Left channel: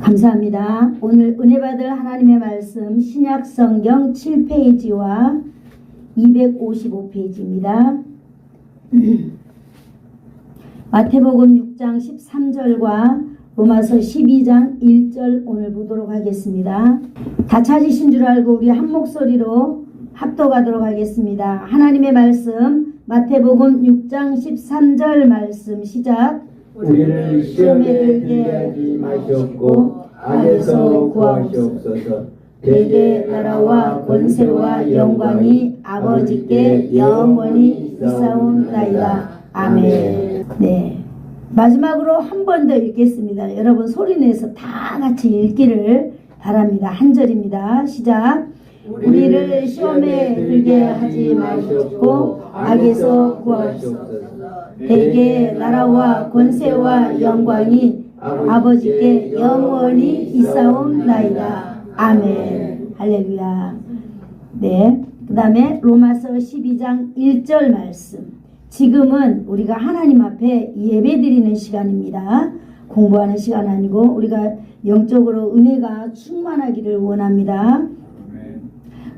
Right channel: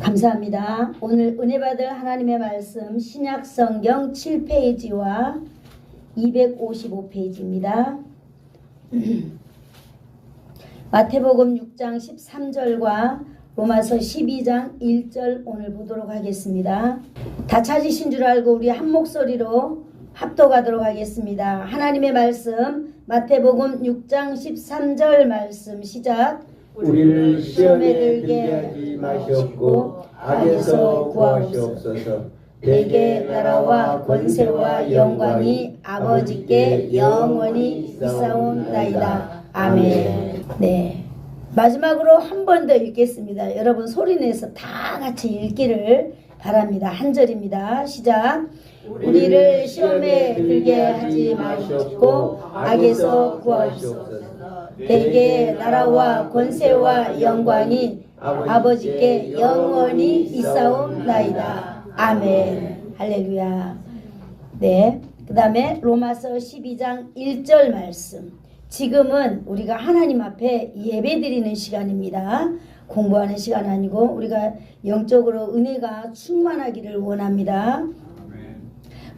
감사합니다. 오늘 은혜 받을 하나님의 말씀 신약성경 7페이지와 255페이지입니다. 마태복음 6장 13절과 로마서 12장 1절 오늘 보도록 하겠습니다. 다 찾으신 줄 알고 우리 한 목소리로 합독하도록 하겠습니다. 하나님의 말씀 마태복음 6장 13절 말씀 시작. 우리를 시험에 들게 하지 마시옵고 악에서 구하옵소서. 대개 나라와 권세와 영광이 아버지께 영원히 있사옵나이다. 아멘. 네, 마지막으로 한 번 더 읽겠습니다. 여러분 소리내서 다 같이 읽기를 바랍니다. 한 절입니다. 시작. 우리를 시험에 들게 하지 마시옵고 악에서 구하옵소서. 대개 나라와 권세와 영광이 아버지께 영원히 있사옵나이다. 아멘. 할렐루야. 네, 그 다음에 로마서 12장 1절 말씀. 지금은 우리가 하나님 앞에 예배드리는 시간입니다. 공부하는 시간 아니고 우리가 영적으로 은혜가 충만하기를 원합니다.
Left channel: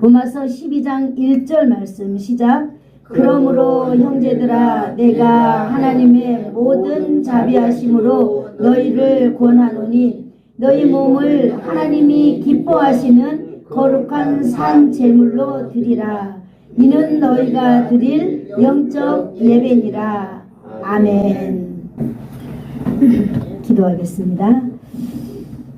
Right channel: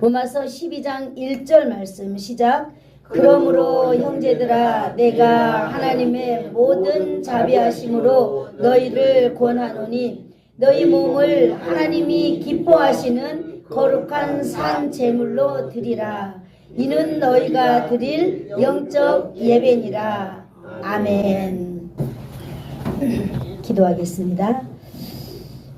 로마서 12장 1절 말씀 시작. 그러므로 형제들아 내가 하나님의 모든 자비하심으로 너희를 권하노니 너희 몸을 하나님이 기뻐하시는 거룩한 산 제물로 드리라. 이는 너희가 드릴 영적 예배니라. 아멘. 기도하겠습니다.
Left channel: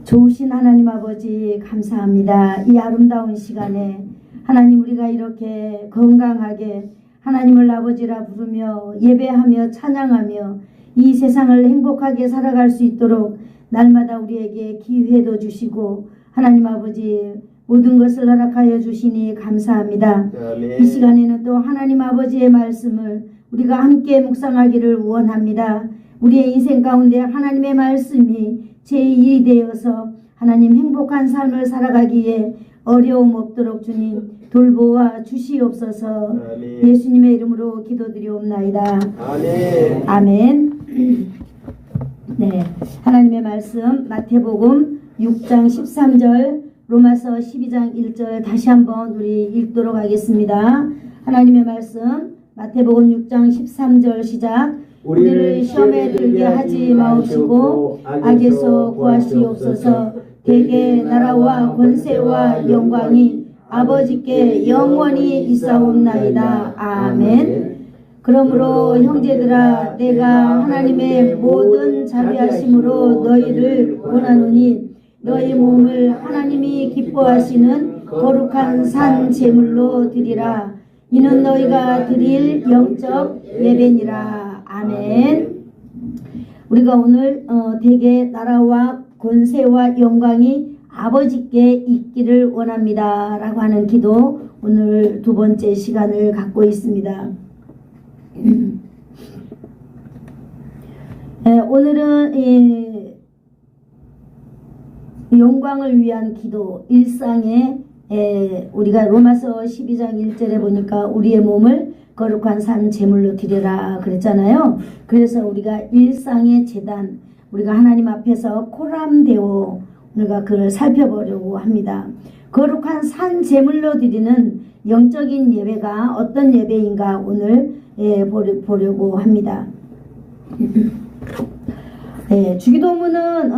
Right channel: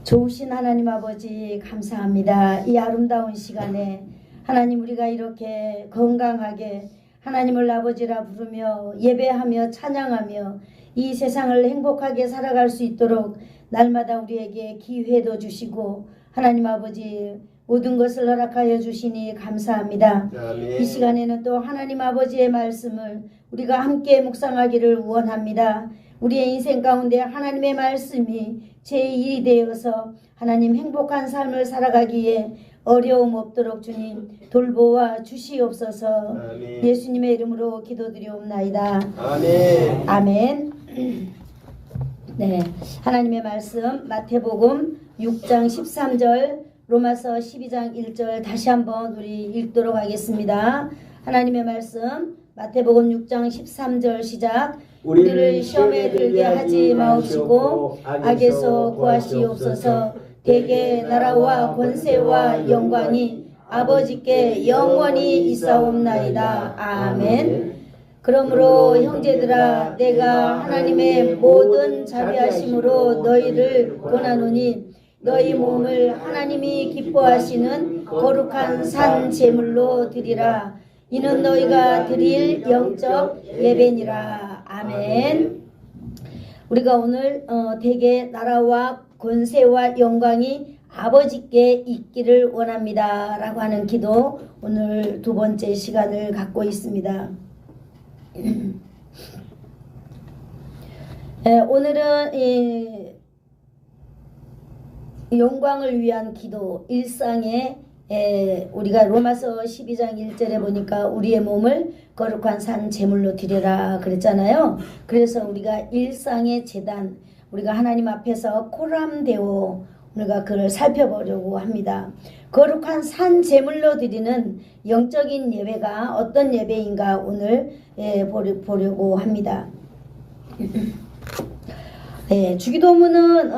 좋으신 하나님 아버지 감사합니다. 이 아름다운 시간에 하나님 우리가 이렇게 건강하게 하나님을 아버지라 부르며 예배하며 찬양하며 이 세상을 행복하게 살아갈 수 있도록 날마다 우리에게 기회도 주시고 하나님 아버지 모든 것을 허락하여 주시니 감사합니다. 이 시간에는 또 하나님 아버지의 말씀을 우리가 함께 묵상하기를 원합니다. 우리의 인생 가운데 하나님의 말씀이 제1이 되어서 하나님 행복한 삶을 살아가기에 어려움 없도록 주님 돌보아 주시옵소서. 예수님의 이름으로 기도드리옵나이다. 아멘. 아멘. 네, 하나님의 말씀 마태복음 6장 13절 로마서 12장 1절 다시 한번 우리 읽도록 하겠습니다. 하나님의 말씀 마태복음 6장 13절 시작. 우리를 시험에 들게 하지 마옵시고 악에서 구하시옵소서. 대개 나라와 권세와 영광이 아버지께 영원히 있사옵나이다. 아멘. 그러므로 형제들아 내가 하나님의 모든 자비하심으로 너희를 권하노니 너희 몸을 하나님이 기뻐하시는 거룩한 산 제물로 드리라. 이는 너희가 드릴 영적 예배니라. 아멘. 우리가 오늘 대개 나라와 권세와 영광이 아버지께 있기를 원합니다 라고 하는 기도 오늘 두 번째 시간을 갖고 있습니다. 오늘은 영광을 위한 기도 일상에 우리가 로마서 12장 1절에 보니까 우리의 몸을 거룩한 산 제물로 드리라 그랬잖아요. 그래서 우리가 일상의 제단 우리가 하나님 앞에서 코람데오 우리가 그걸 살펴보려고 합니다. 거룩한 산 제물로 드리는 영적인 예배가 어떤 예배인가 오늘 보려고 합니다. 네, 주기도문은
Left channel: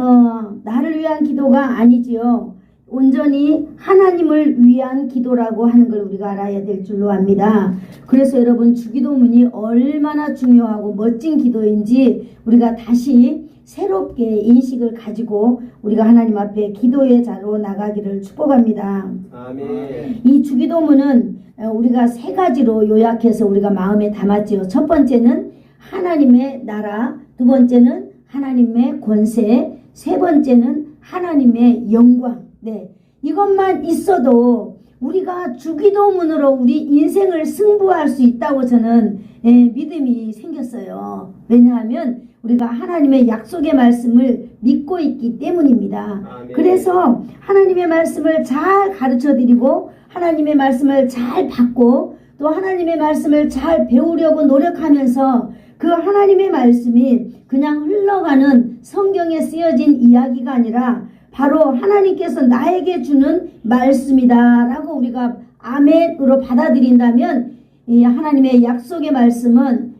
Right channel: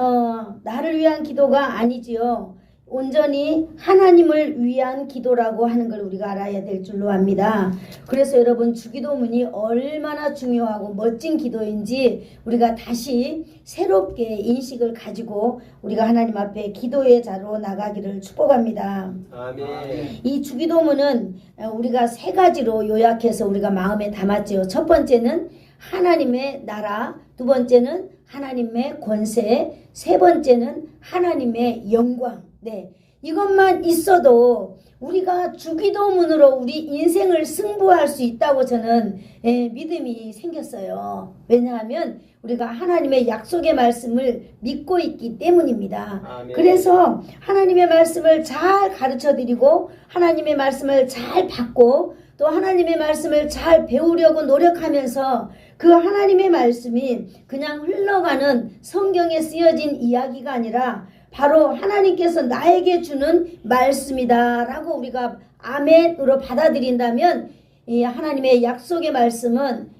나를 위한 기도가 아니지요. 온전히 하나님을 위한 기도라고 하는 걸 우리가 알아야 될 줄로 압니다. 그래서 여러분 주기도문이 얼마나 중요하고 멋진 기도인지 우리가 다시 새롭게 인식을 가지고 우리가 하나님 앞에 기도의 자로 나가기를 축복합니다. 아멘. 이 주기도문은 우리가 세 가지로 요약해서 우리가 마음에 담았지요. 첫 번째는 하나님의 나라, 두 번째는 하나님의 권세, 세 번째는 하나님의 영광. 네, 이것만 있어도 우리가 주기도문으로 우리 인생을 승부할 수 있다고 저는 믿음이 생겼어요. 왜냐하면 우리가 하나님의 약속의 말씀을 믿고 있기 때문입니다. 아멘. 그래서 하나님의 말씀을 잘 가르쳐드리고 하나님의 말씀을 잘 받고 또 하나님의 말씀을 잘 배우려고 노력하면서 그 하나님의 말씀이 그냥 흘러가는 성경에 쓰여진 이야기가 아니라 바로 하나님께서 나에게 주는 말씀이다 라고 우리가 아멘으로 받아들인다면 이 하나님의 약속의 말씀은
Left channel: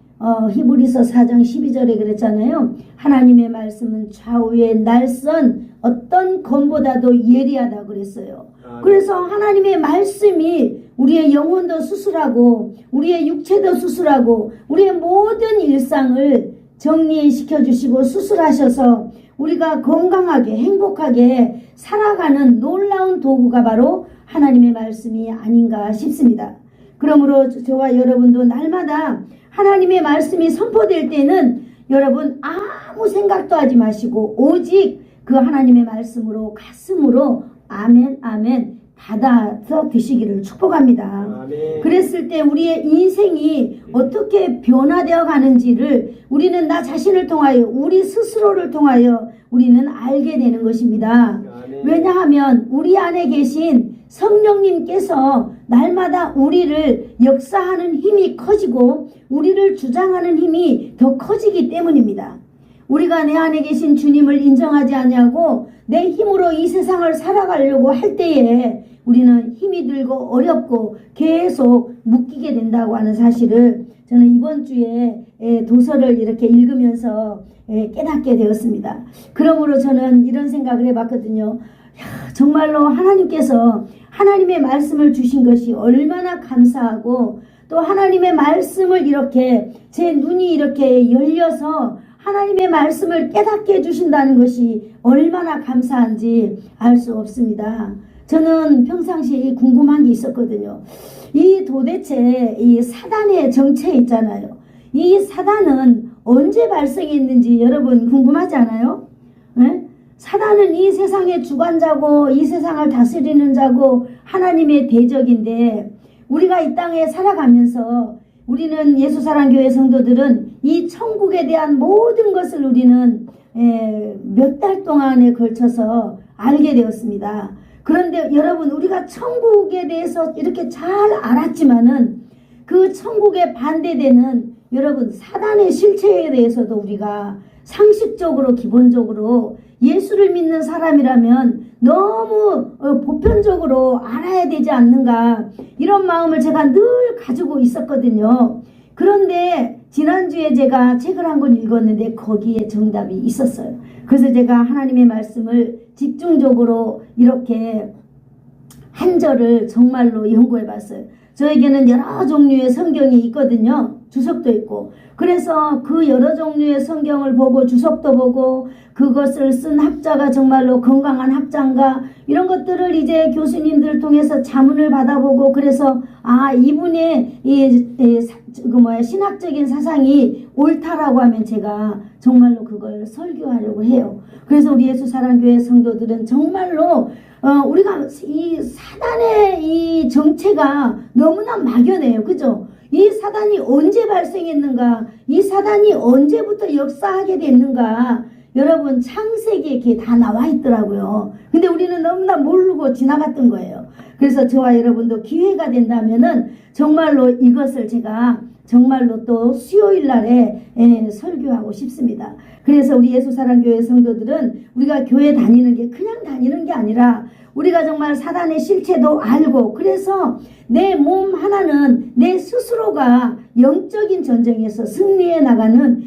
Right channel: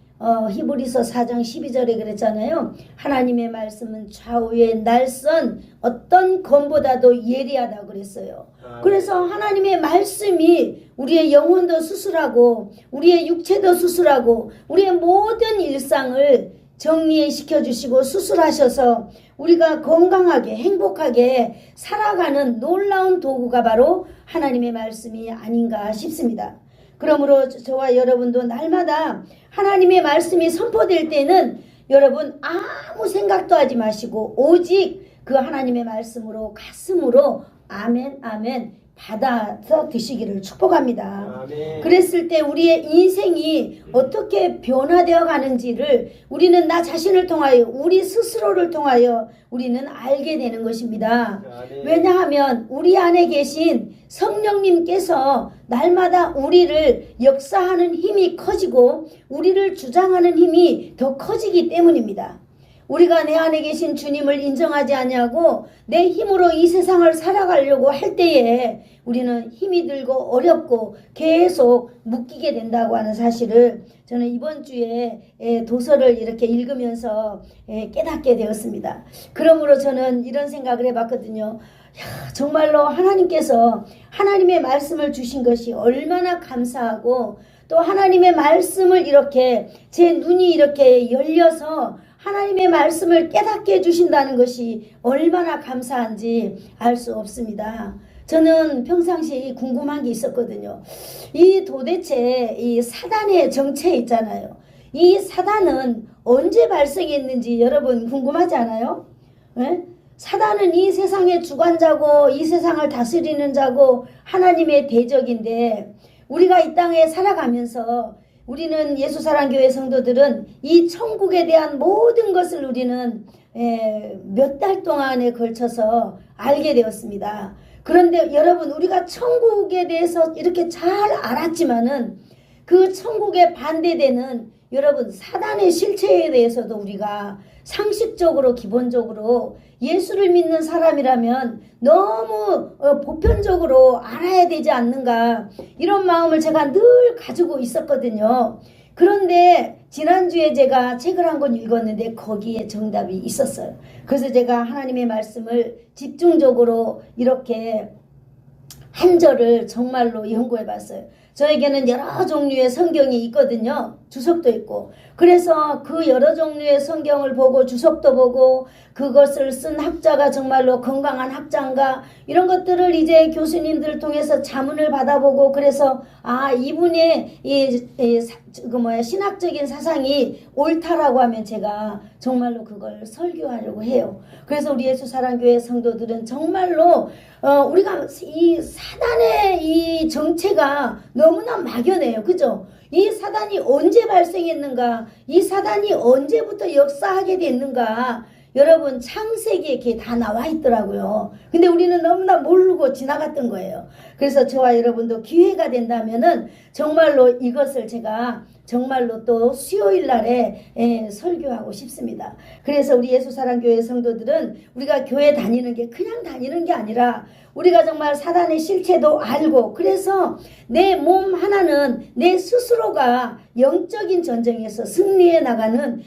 히브리서 4장 12절에 그랬잖아요. 하나님의 말씀은 좌우의 날선 어떤 검보다도 예리하다 그랬어요. 그래서 하나님의 말씀이 우리의 영혼도 수술하고 우리의 육체도 수술하고 우리의 모든 일상을 정리시켜 주시고 수술하셔서 우리가 건강하게 행복하게 살아가는 놀라운 도구가 바로 하나님의 말씀이 아닌가 싶습니다. 그러므로 저와 여러분도 날마다 하나님의 말씀이 선포될 때는 여러분 아무 생각도 하지 마시고 오직 그 하나님의 말씀으로 가슴으로 아멘 아멘 받아서 드시기를 축복합니다. 아멘. 그랬을 때 우리의 인생이 어떻게 변화되어 가는지를 우리는 나 자신을 통하여 우리 스스로를 통하여 우리는 알게 되는 것입니다. 아멘. 왜냐하면 우리 안에 계신 성령님께서 날마다 우리를 역사하는 힘이 커지고 우리를 주장하는 힘이 더 커지기 때문입니다. 우리가 내 안에 계신 주님을 인정하지 아니하고 내 힘으로 이 세상을 살아가려고 할 때에 우리는 힘이 들고 어렵고 계속 묶이게 된다고 하는 사실을 저는 이번 주에 도서를 이렇게 읽으면서 깨닫게 되었습니다. 그러므로 저는 이런 생각을 해봤거든요. 정말로 하나님께서 하나님의 말씀을 주신 것이 얼마나 감사하고 또 하나님의 말씀을 이렇게 제 눈이 이렇게 열려서 하나님의 말씀을 깨닫게 해주신다는 것이 얼마나 감사한지 알 수 없습니다. 저는 평상시 궁금한 게 있었거든요. 이 도대체 이 사단의 정체 있잖아요. 이 사단은 언제 발생했는지 여러분 궁금하지 않아요? 네? 사단은 이 세상의 주관자고 이 세상을 다스리는 자고 하나님의 대적인데 우리가 이 땅에 살아가면서 우리는 예수사랑교회 성도들은 이 천국에 대한 모든 것을 우리는 몇 달 동안에 걸쳐서 알게 되었습니다. 그런데 여러분 우리가 천국에 대해서 이렇게 잘 알았지만은 그 천국에 반대되는 여러분 사단의 실체에 대해서도 우리가 상식적으로 기본적으로 예수를 믿는 사람이라면 너무 보편적으로 알아야 되지 않는가 이런 마음을 제가 늘 가지고 있었거든요. 그런데 지난주에 제가 책을 한 권 읽었는데 거기에 정답이 있었어요. 그래서 제가 하나님의 말씀을 집중적으로 이렇게 한 절을 정말로 연구해 봤어요. 저에게는 여러 종류의 성경이 있거든요. 주석도 있고. 그래서 그 여러 종류의 성경을 보고 주석도 보고 그것을 쓴 학자가 정말로 건강한 학자인가 이런 것들을 이제 교수님들 통해서 자문을 받아보고 그래서 이분의 신학적인 사상이 옳다라고 하면 제가 정말로 그걸 설교하려고 해요. 그래서 우리 예수사랑교회 성도들은 정말로 우리가 이 사단의 이 정체가 너무나 막연해요. 그죠? 이 사단이 언제 발생했는가? 이 사단이 언제부터 역사하게 됐는가? 여러분 창세기에 이렇게 다 나와 있더라고요. 근데 우리는 너무나 모르고 지나갔던 거예요. 그래서 저와 여러분도 기회가 된다면은 정말로 이것을 제가 정말로 또 수요일 날에 설교하고 싶습니다. 그래서 우리 예수사랑교회 성도들은 우리가 교회 다니는 게 그냥 다니는 게 아니라 우리가 정말 사단의 실체도 알고 그래서 내 몸 하나는 내 스스로가 영적인 전쟁에서 승리해 나가는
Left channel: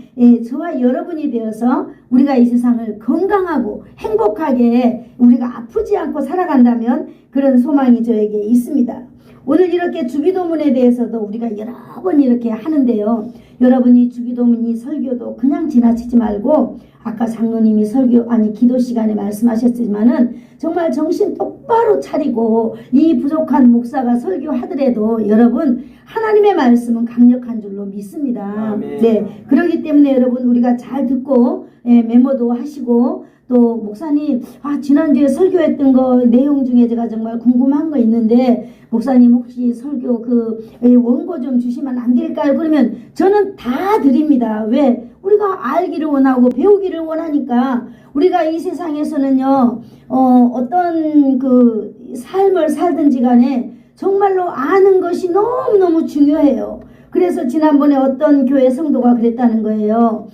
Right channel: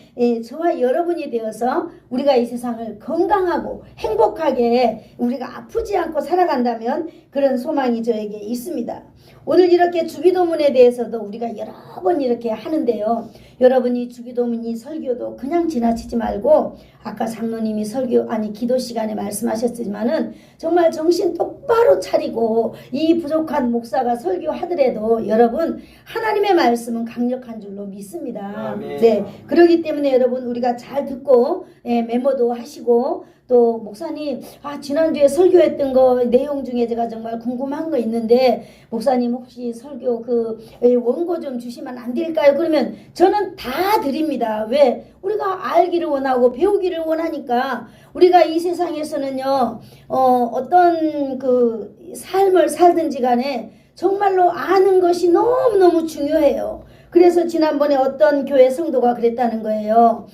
저와 여러분이 되어서 우리가 이 세상을 건강하고 행복하게 우리가 아프지 않고 살아간다면 그런 소망이 저에게 있습니다. 오늘 이렇게 주기도문에 대해서도 우리가 여러 번 이렇게 하는데요. 여러분이 주기도문이 설교도 그냥 지나치지 말고 아까 장로님이 기도 시간에 말씀하셨지만은 정말 정신 똑바로 차리고 이 부족한 목사가 설교하더라도 여러분 하나님의 말씀은 강력한 줄로 믿습니다. 네, 그렇기 때문에 여러분 우리가 잘 듣고 메모도 하시고 또 목사님 지난주에 설교했던 거 내용 중에 제가 정말 궁금한 거 있는데 목사님 혹시 설교 그 원고 좀 주시면 안 될까요? 그러면 저는 다 드립니다. 왜? 우리가 알기를 원하고 배우기를 원하니까 우리가 이 세상에서는요 어떤 그 삶을 살든지 간에 정말로 아는 것이 너무너무 중요해요. 그래서 지난번에 어떤 교회 성도가 그랬다는 거예요.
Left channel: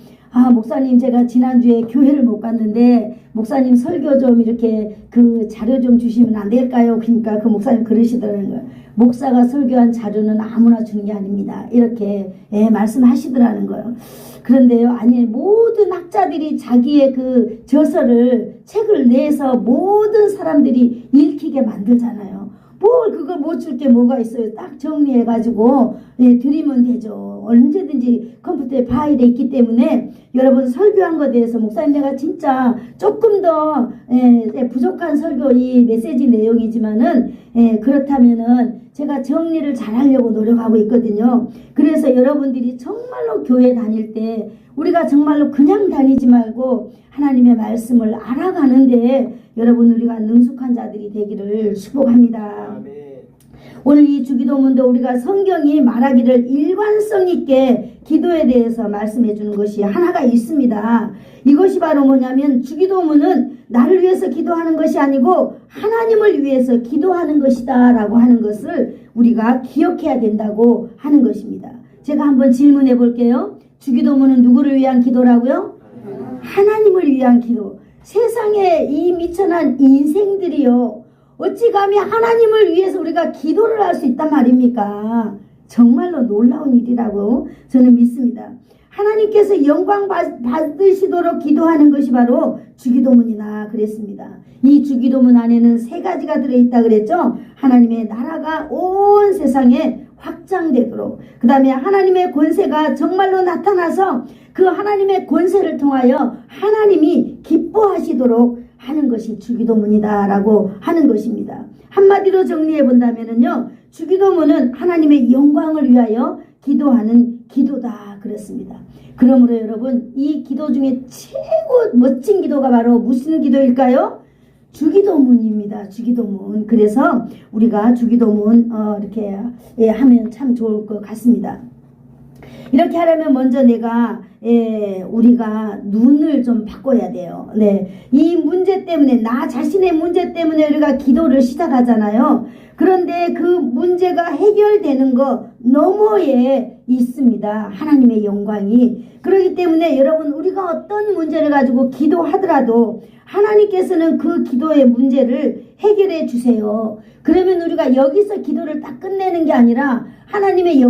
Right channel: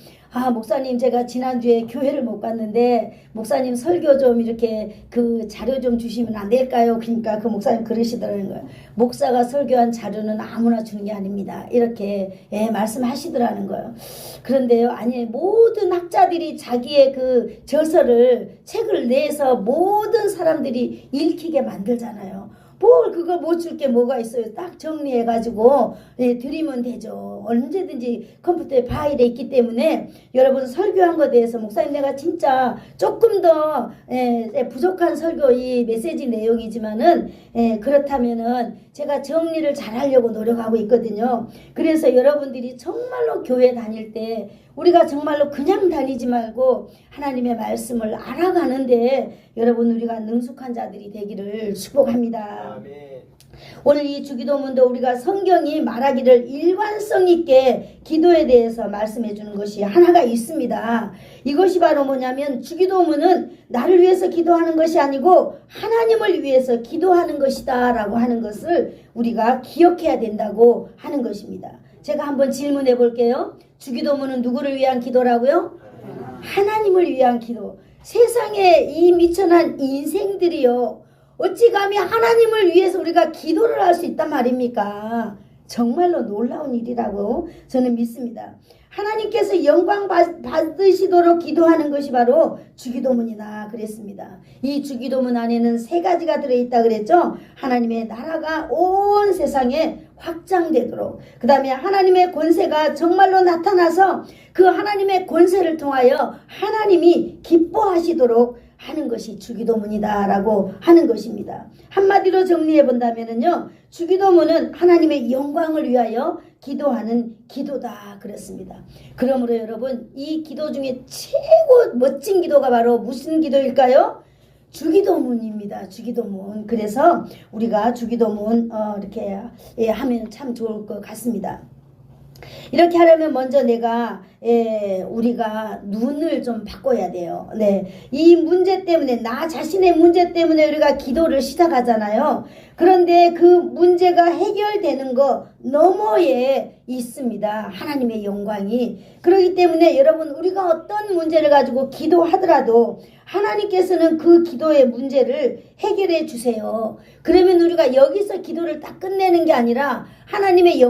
목사님 제가 지난주에 교회를 못 갔는데 목사님 설교 좀 이렇게 그 자료 좀 주시면 안 될까요? 그러니까 그 목사님 그러시더라는 거예요. 목사가 설교한 자료는 아무나 주는 게 아닙니다. 이렇게 말씀하시더라는 거예요. 그런데요, 아니 모든 학자들이 자기의 그 저서를 책을 내서 모든 사람들이 읽히게 만들잖아요. 뭘 그거 못 줄 게 뭐가 있어요. 딱 정리해가지고 드리면 되죠. 언제든지 컴퓨터에 파일에 있기 때문에 여러분 설교한 것에 대해서 목사님 내가 진짜 조금 더 부족한 설교 이 메시지 내용이지만은 그렇다면은 제가 정리를 잘 하려고 노력하고 있거든요. 그래서 여러분들이 정말로 교회 다닐 때 우리가 정말로 그냥 다니지 말고 하나님의 말씀을 알아가는데 여러분 우리가 능숙한 자들이 되기를 축복합니다. 오늘 이 주기도문도 우리가 성경이 말하기를 일관성 있게 기도에 대해서 말씀해 주는 것이 하나가 있습니다. 이것이 바로 뭐냐면 주기도문은 나를 위해서 기도하는 것이 아니고 하나님을 위해서 기도하는 것이다 라고 하는 것을 우리가 기억해야 된다고 하는 것입니다. 제가 한번 질문해 볼게요. 주기도문은 누구를 위한 기도라고요? 하나님을 위한 기도. 세상에 이 미천한 인생들이요, 어찌 감히 하나님을 위해서 우리가 기도를 할 수 있단 말입니까? 정말로 놀라운 일이라고 저는 믿습니다. 하나님께서 영광 받으시도록 기도하는 것이 바로 주기도문이나 그랬습니다. 이 주기도문 안에는 3가지가 들어있다 그랬죠. 하나님의 나라가 온 세상에 확장되도록, 그 다음에 하나님의 권세가 정말로 나타나서 그 하나님의 권세를 통하여 하나님이 기뻐하시도록 하는 것이 주기도문이다 라고 하는 것입니다. 한마디로 정리해 본다면요, 주기도문은 하나님의 영광을 위하여 기도하는 기도다 그렇습니다. 그러므로 여러분 이 기도 중에 최고 멋진 기도가 바로 무슨 기도일까요? 주기도문입니다. 주기도문. 그래서 우리가 주기도문 이렇게 하면 참 좋을 것 같습니다. 이렇게 하려면 먼저 우리가 눈을 좀 바꿔야 돼요. 이 문제 때문에, 나 자신의 문제 때문에 우리가 기도를 시작하잖아요. 그런데 그 문제가 해결되는 거 너머에 있습니다. 하나님의 영광이. 그렇기 때문에 여러분 우리가 어떤 문제를 가지고 기도하더라도 하나님께서는 그 기도의 문제를 해결해 주세요. 그러면 우리가 여기서 기도를 딱 끝내는 게 아니라 하나님의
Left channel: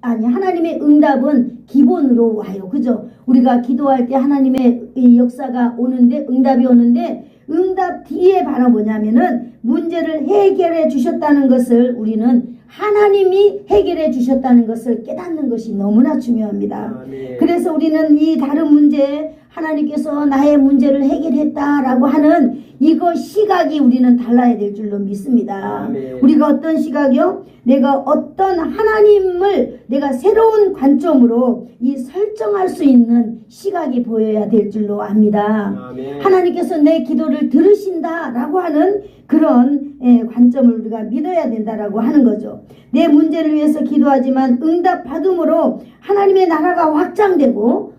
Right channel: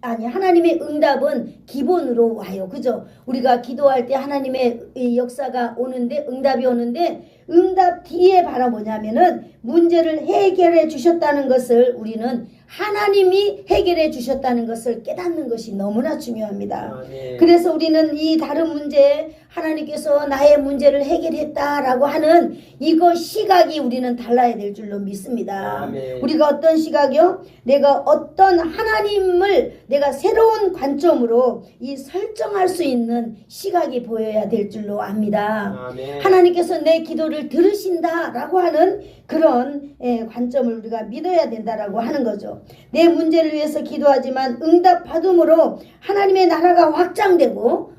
하나님의 응답은 기본으로 와요. 그죠? 우리가 기도할 때 하나님의 역사가 오는데, 응답이 오는데, 응답 뒤에 바로 뭐냐면은 문제를 해결해 주셨다는 것을, 우리는 하나님이 해결해 주셨다는 것을 깨닫는 것이 너무나 중요합니다. 그래서 우리는 이 다른 문제에 하나님께서 나의 문제를 해결했다라고 하는 이거 시각이 우리는 달라야 될 줄로 믿습니다. 우리가 어떤 시각이요? 내가 어떤 하나님을 내가 새로운 관점으로 설정할 수 있는 시각이 보여야 될 줄로 압니다. 하나님께서 내 기도를 들으신다라고 하는 그런 관점을 우리가 믿어야 된다라고 하는 거죠. 내 문제를 위해서 기도하지만 응답받음으로 하나님의 나라가 확장되고,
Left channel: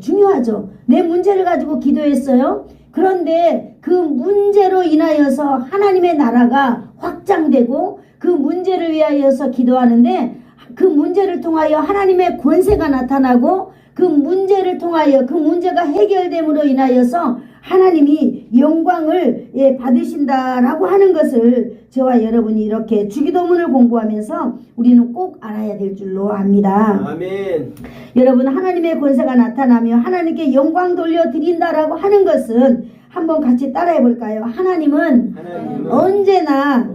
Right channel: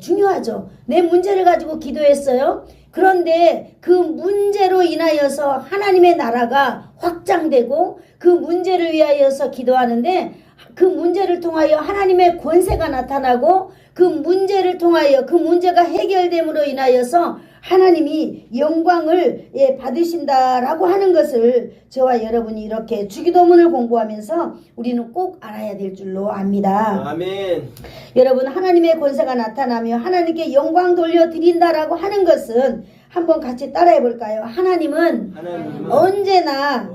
중요하죠. 내 문제를 가지고 기도했어요. 그런데 그 문제로 인하여서 하나님의 나라가 확장되고 그 문제를 위하여서 기도하는데 그 문제를 통하여 하나님의 권세가 나타나고 그 문제를 통하여 그 문제가 해결됨으로 인하여서 하나님이 영광을 받으신다라고 하는 것을 저와 여러분이 이렇게 주기도문을 공부하면서 우리는 꼭 알아야 될 줄로 압니다. 아멘. 여러분 하나님의 권세가 나타나며 하나님께 영광 돌려드린다라고 하는 것은 한번 같이 따라해 볼까요? 하나님은 언제나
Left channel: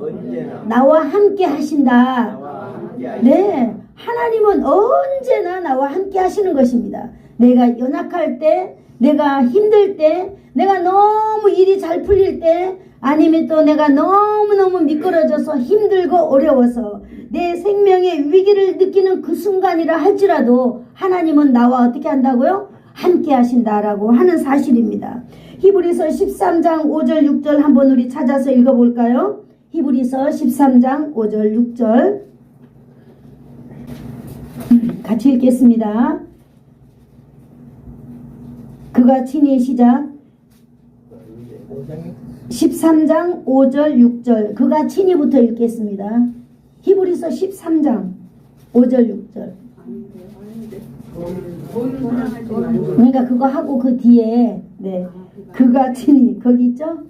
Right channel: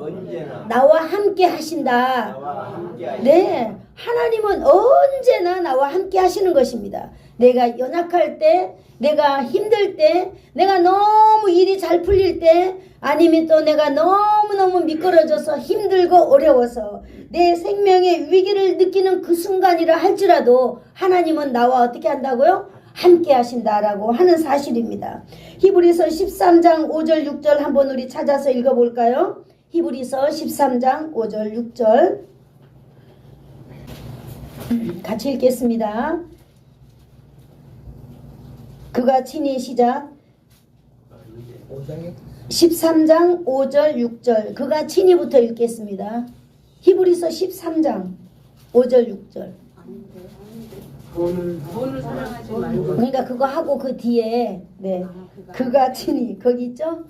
나와 함께 하신다. 하나님은 언제나 나와 함께 하시는 것입니다. 내가 연약할 때, 내가 힘들 때, 내가 너무 일이 잘 풀릴 때, 아니면 또 내가 너무너무 미끄러져서 힘들고 어려워서 내 생명의 위기를 느끼는 그 순간이라 할지라도 하나님은 나와 어떻게 한다고요? 함께 하신다라고 하는 사실입니다. 히브리서 13장 5절 6절 한번 우리 찾아서 읽어볼까요? 히브리서 13장 5절 6절 같이 읽겠습니다. 그가 친히 시작. 13장 5절 6절 그가 친히부터 읽겠습니다. 히브리서 13장 5절 6절 돈을 사랑하지 말고. 그러니까 그거 하고 그 뒤에 그가 친히 거기 있죠?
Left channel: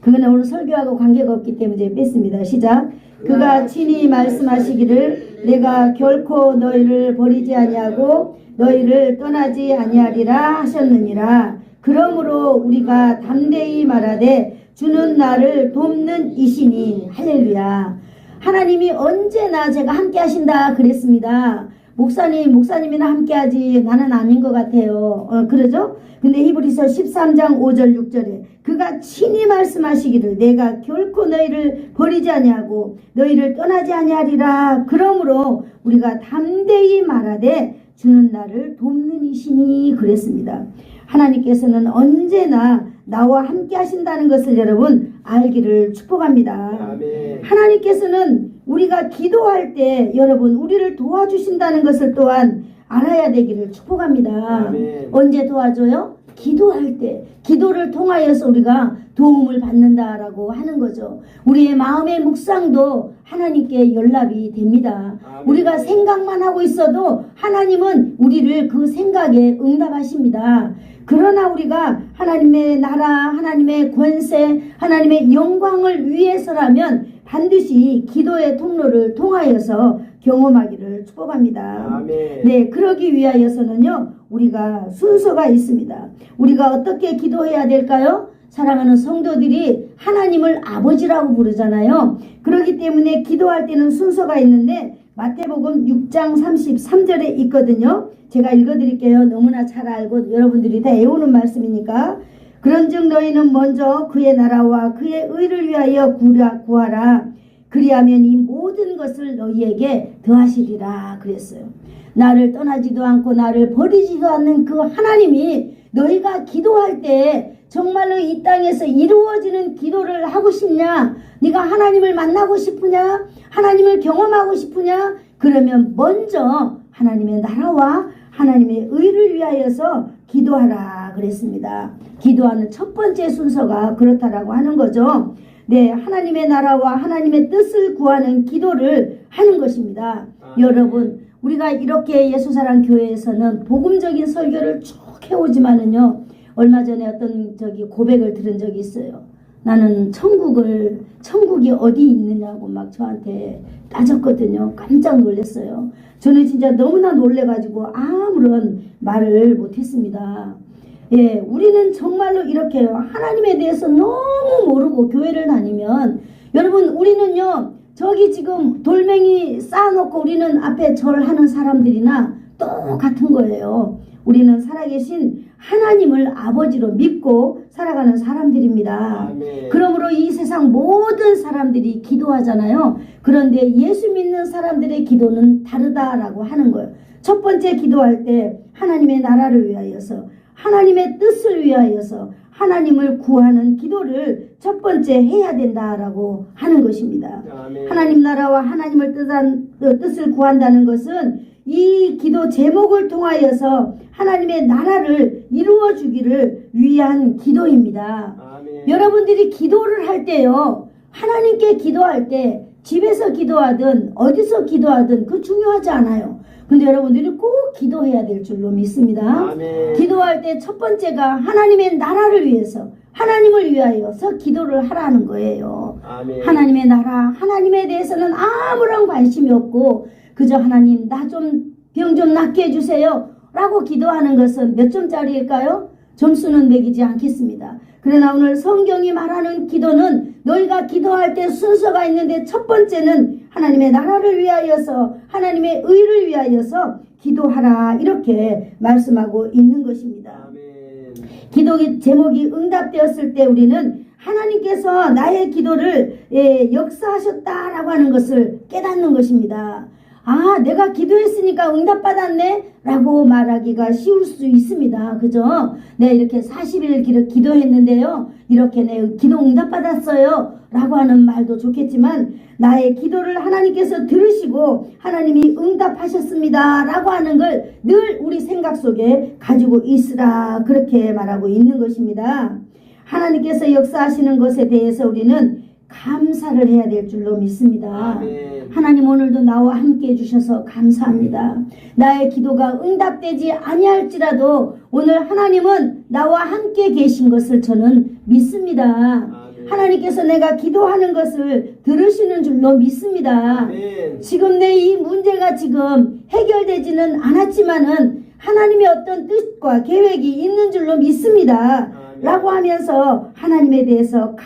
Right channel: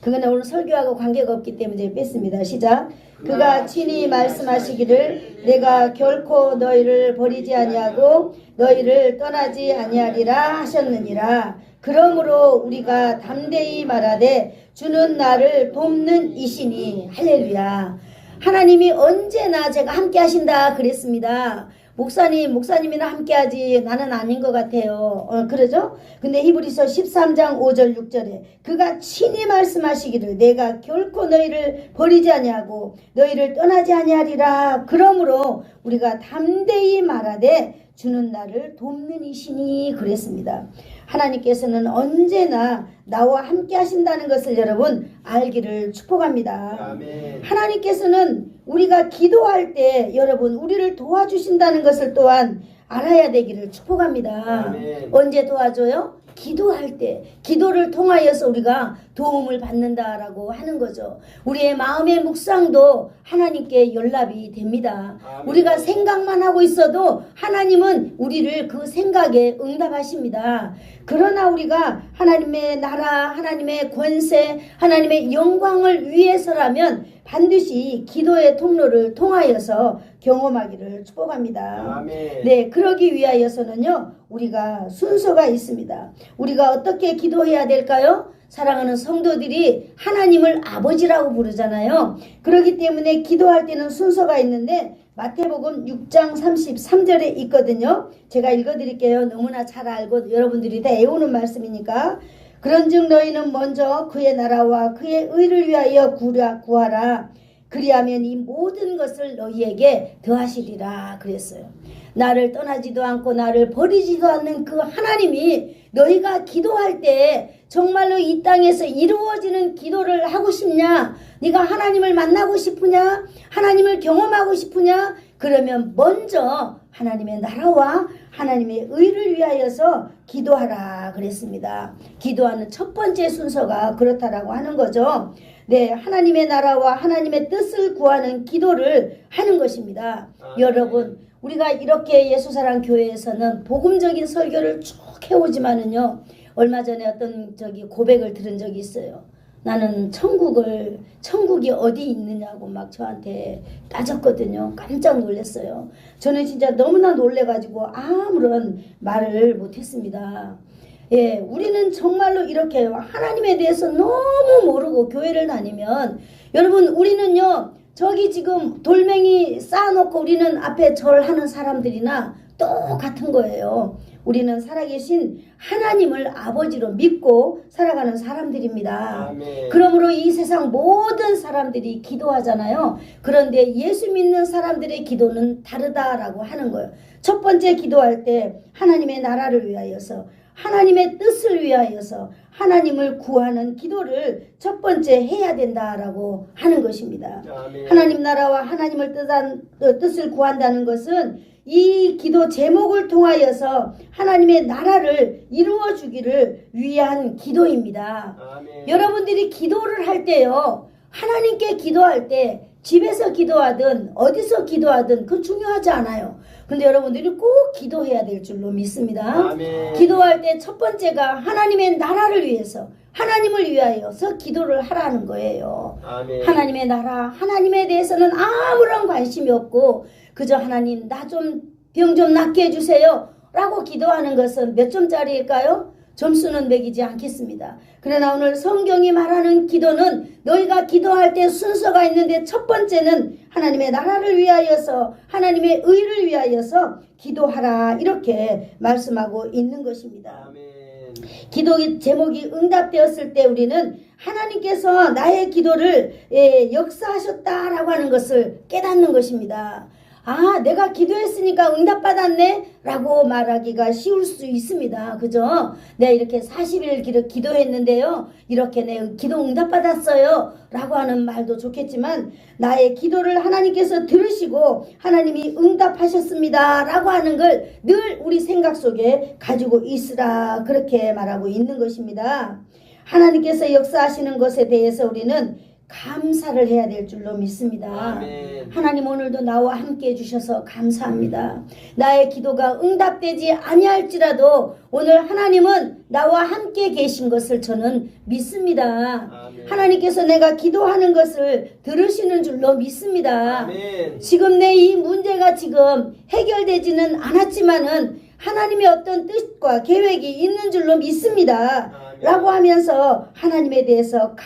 그거는 오늘 설교하고 관계가 없기 때문에 이제 뺐습니다. 시작. 그가 친히 말씀하시기를 내가 결코 너희를 버리지 아니하고 너희를 떠나지 아니하리라 하셨느니라. 그러므로 우리가 담대히 말하되 주는 나를 돕는 이시니. 할렐루야. 하나님이 언제나 제가 함께 하신다 그랬습니다. 목사님이나 함께하지 나는 아닌 것 같아요. 그러죠? 근데 히브리서 13장 5절 6절에 그가 친히 말씀하시기를 내가 결코 너희를 버리지 아니하고 너희를 떠나지 아니하리라. 그러므로 우리가 담대히 말하되 주는 나를 돕는 이시니 그랬습니다. 하나님께서는 언제나 나와 함께 하신다는 것을 여러분 알기를 축복합니다. 아멘. 하나님께서는 우리가 기도할 때 여러분 우리를 도와주신다는 것을 또한 알아야 되기를 축복합니다. 아멘. 언제 도와줘요? 기도할 때, 기도를 통하여서 우리가 도움을 받는다라고 하는 거죠. 우리의 마음의 묵상도 하나님께 연락이 됩니다. 아멘. 우리가 생각만 하고 있어도 하나님은 우리를 그 생각에 응답하십니다. 그러나 우리가 하나님의 나라, 하나님의 권세, 하나님의 영광을 위해서라면 반드시 기도의 통로를 통하여서 경험하기를 축복합니다. 아멘. 그러기 위하여서는요, 우리가 순서가 있습니다. 우리가 어떻게 기도해야 될까요? 사랑하는 성도들이 하나님을 아버지라고 부르잖아요. 그렇기 때문에 기도할 때는 순서가 있는데 마태복음 6장 33절에 있거든요. 제가 읽어드릴게요. 너무나 잘 알고 여러분들이 다 애우는 말씀이니까. 그런즉 너희는 먼저 그의 나라와 그의 의를 위하여 구하라. 그리하면 이 모든 것을 너희에게 더하시리라 그랬어요. 나를 떠나지도 않고 나를 버리지도 않는 그 하나님이 너희가 기도할 때 정말로 이 땅에서 이루어지는 기도를 하고 싶냐? 네가 하나님을 만나고 싶으냐? 하나님을 경험하고 싶으냐? 그러면 먼저 하나님의 나라와 하나님의 의를 위하여서 기도하라 그랬습니다. 기도하는 첫 번째 순서가 그렇다라고 하는 거죠. 하나님의 나라와 하나님의 뜻을 구하는 기도를 하는 것입니다. 여러분, 우리가 이렇게 예수사랑 교회에서는 복음적인 설교를 쭉 해오지만은요, 얼마 전에 어떤 고백을 들은 적이 있어요. 나는 천국이 어디 있느냐고 막 저한테 따졌거든요. 깜짝 놀랐어요. 저는 진짜 너무나 놀래가지고 아무런 말을 못했습니다. 우리는 정말로 이렇게 하나님에 대해서 너무 모르고 교회를 다니면 여러분 우리는요 저기 지금 돌멩이 쌓아놓고 우리는 앞에 절하는 사람들이나 똑같은 거예요. 우리는 살아계신 하나님을 아버지로 믿고 살아가는 사람들입니다. 아멘. 그러므로 이 세상 모든 사람들이 기도하잖아요. 그런데 예수 믿는 사람들의 기도는 다르다라고 하는 거예요. 첫 번째 기도할 때 하나님의 나라를 위하여서 하나님의 뜻을 위하여서 하나님을 구하는 기도를 첫 번째 해야 된다라고 하는 것입니다. 아멘. 하나님 나라와 하나님을 뜻을 구한다는 것은 이 기도 제목을 통하여서 하나님의 나라를 이루어 주기를 위한 기도입니다. 아멘. 여러분들이 기도를 할 때요, 하나님께 기도할 때 집에서 기도하든 어디서 기도하든 그 중요하지 않아요. 근데 여러분들이 꼭 기도해야 될 줄로 믿습니다. 아멘. 기도할 때 첫 번째가 하나님의 나라를 위해서 하나님을 위하여서 기도를 하라는 거예요. 아멘. 하나님의 나라, 하나님에 대해서는 아무런 관심이 없고 그저 하나님 나 좀 병 좀 낫게 해주세요 라고 기도하는 것은 몇 점짜리일까요? 점수는 매기지 않겠습니다. 그러나 오늘 성경이 말하는 기도는 너희가 기도할 때 순서가 있는데 첫 번째는 하나님의 나라를 위하여서 하나님의 의를 위하여서 기도하라 이렇게 말씀하고 있는 것입니다. 아멘. 기도 제목이 응답되었을 때 우리는 하나님께서 나의 기도를 역사하셨다라고 하는 것을 깨닫는 것입니다. 아, 내가 기도했으니까 응답받았네 라고 말하기가 쉬울 수 있습니다. 그죠? 내가 이렇게 40일 기도했는데요, 이렇게 내 기도 응답받았어요 라고 하는 말도 좋겠지만 나의 기도를 하나님께서 들으시고 하나님이 응답하셨습니다 라고 하는 걸 늘 우리 생각 속에 가지고 있으라 그렇게 말하고 있는 것입니다. 하나님께서 역사하시는 것에 대해서 우리는 감사를 해야 될 줄로 믿습니다. 아멘. 하나님 오늘도 나와 함께 해주셔서 감사합니다. 나의 기도가 응답되지 아니할지라도 오늘 하나님은 나와 함께 계신 것을 저는 믿습니다. 아멘. 하나님께서 내가 기도하는 것을 들으시는 줄로 믿습니다. 아멘. 지금 내 이 문제가 지금 해결되지는 않았지만은 하나님의 어떤 뜻과 계획이 있는 줄로 믿습니다. 아멘. 라고 하면서 하나님에 대해서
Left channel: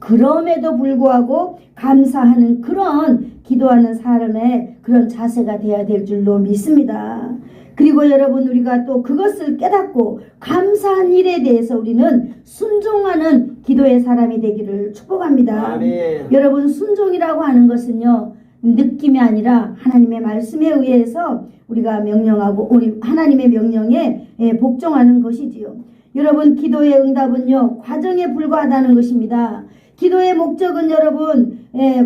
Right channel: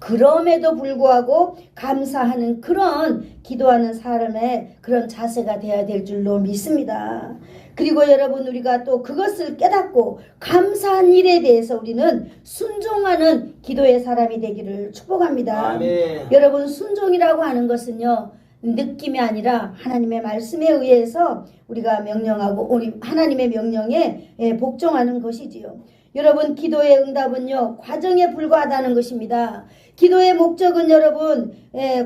그럼에도 불구하고 감사하는 그런 기도하는 사람의 그런 자세가 되어야 될 줄로 믿습니다. 그리고 여러분 우리가 또 그것을 깨닫고 감사한 일에 대해서 우리는 순종하는 기도의 사람이 되기를 축복합니다. 아멘. 여러분 순종이라고 하는 것은요 느낌이 아니라 하나님의 말씀에 의해서 우리가 명령하고 우리 하나님의 명령에 복종하는 것이지요. 여러분 기도의 응답은요 과정에 불과하다는 것입니다. 기도의 목적은 여러분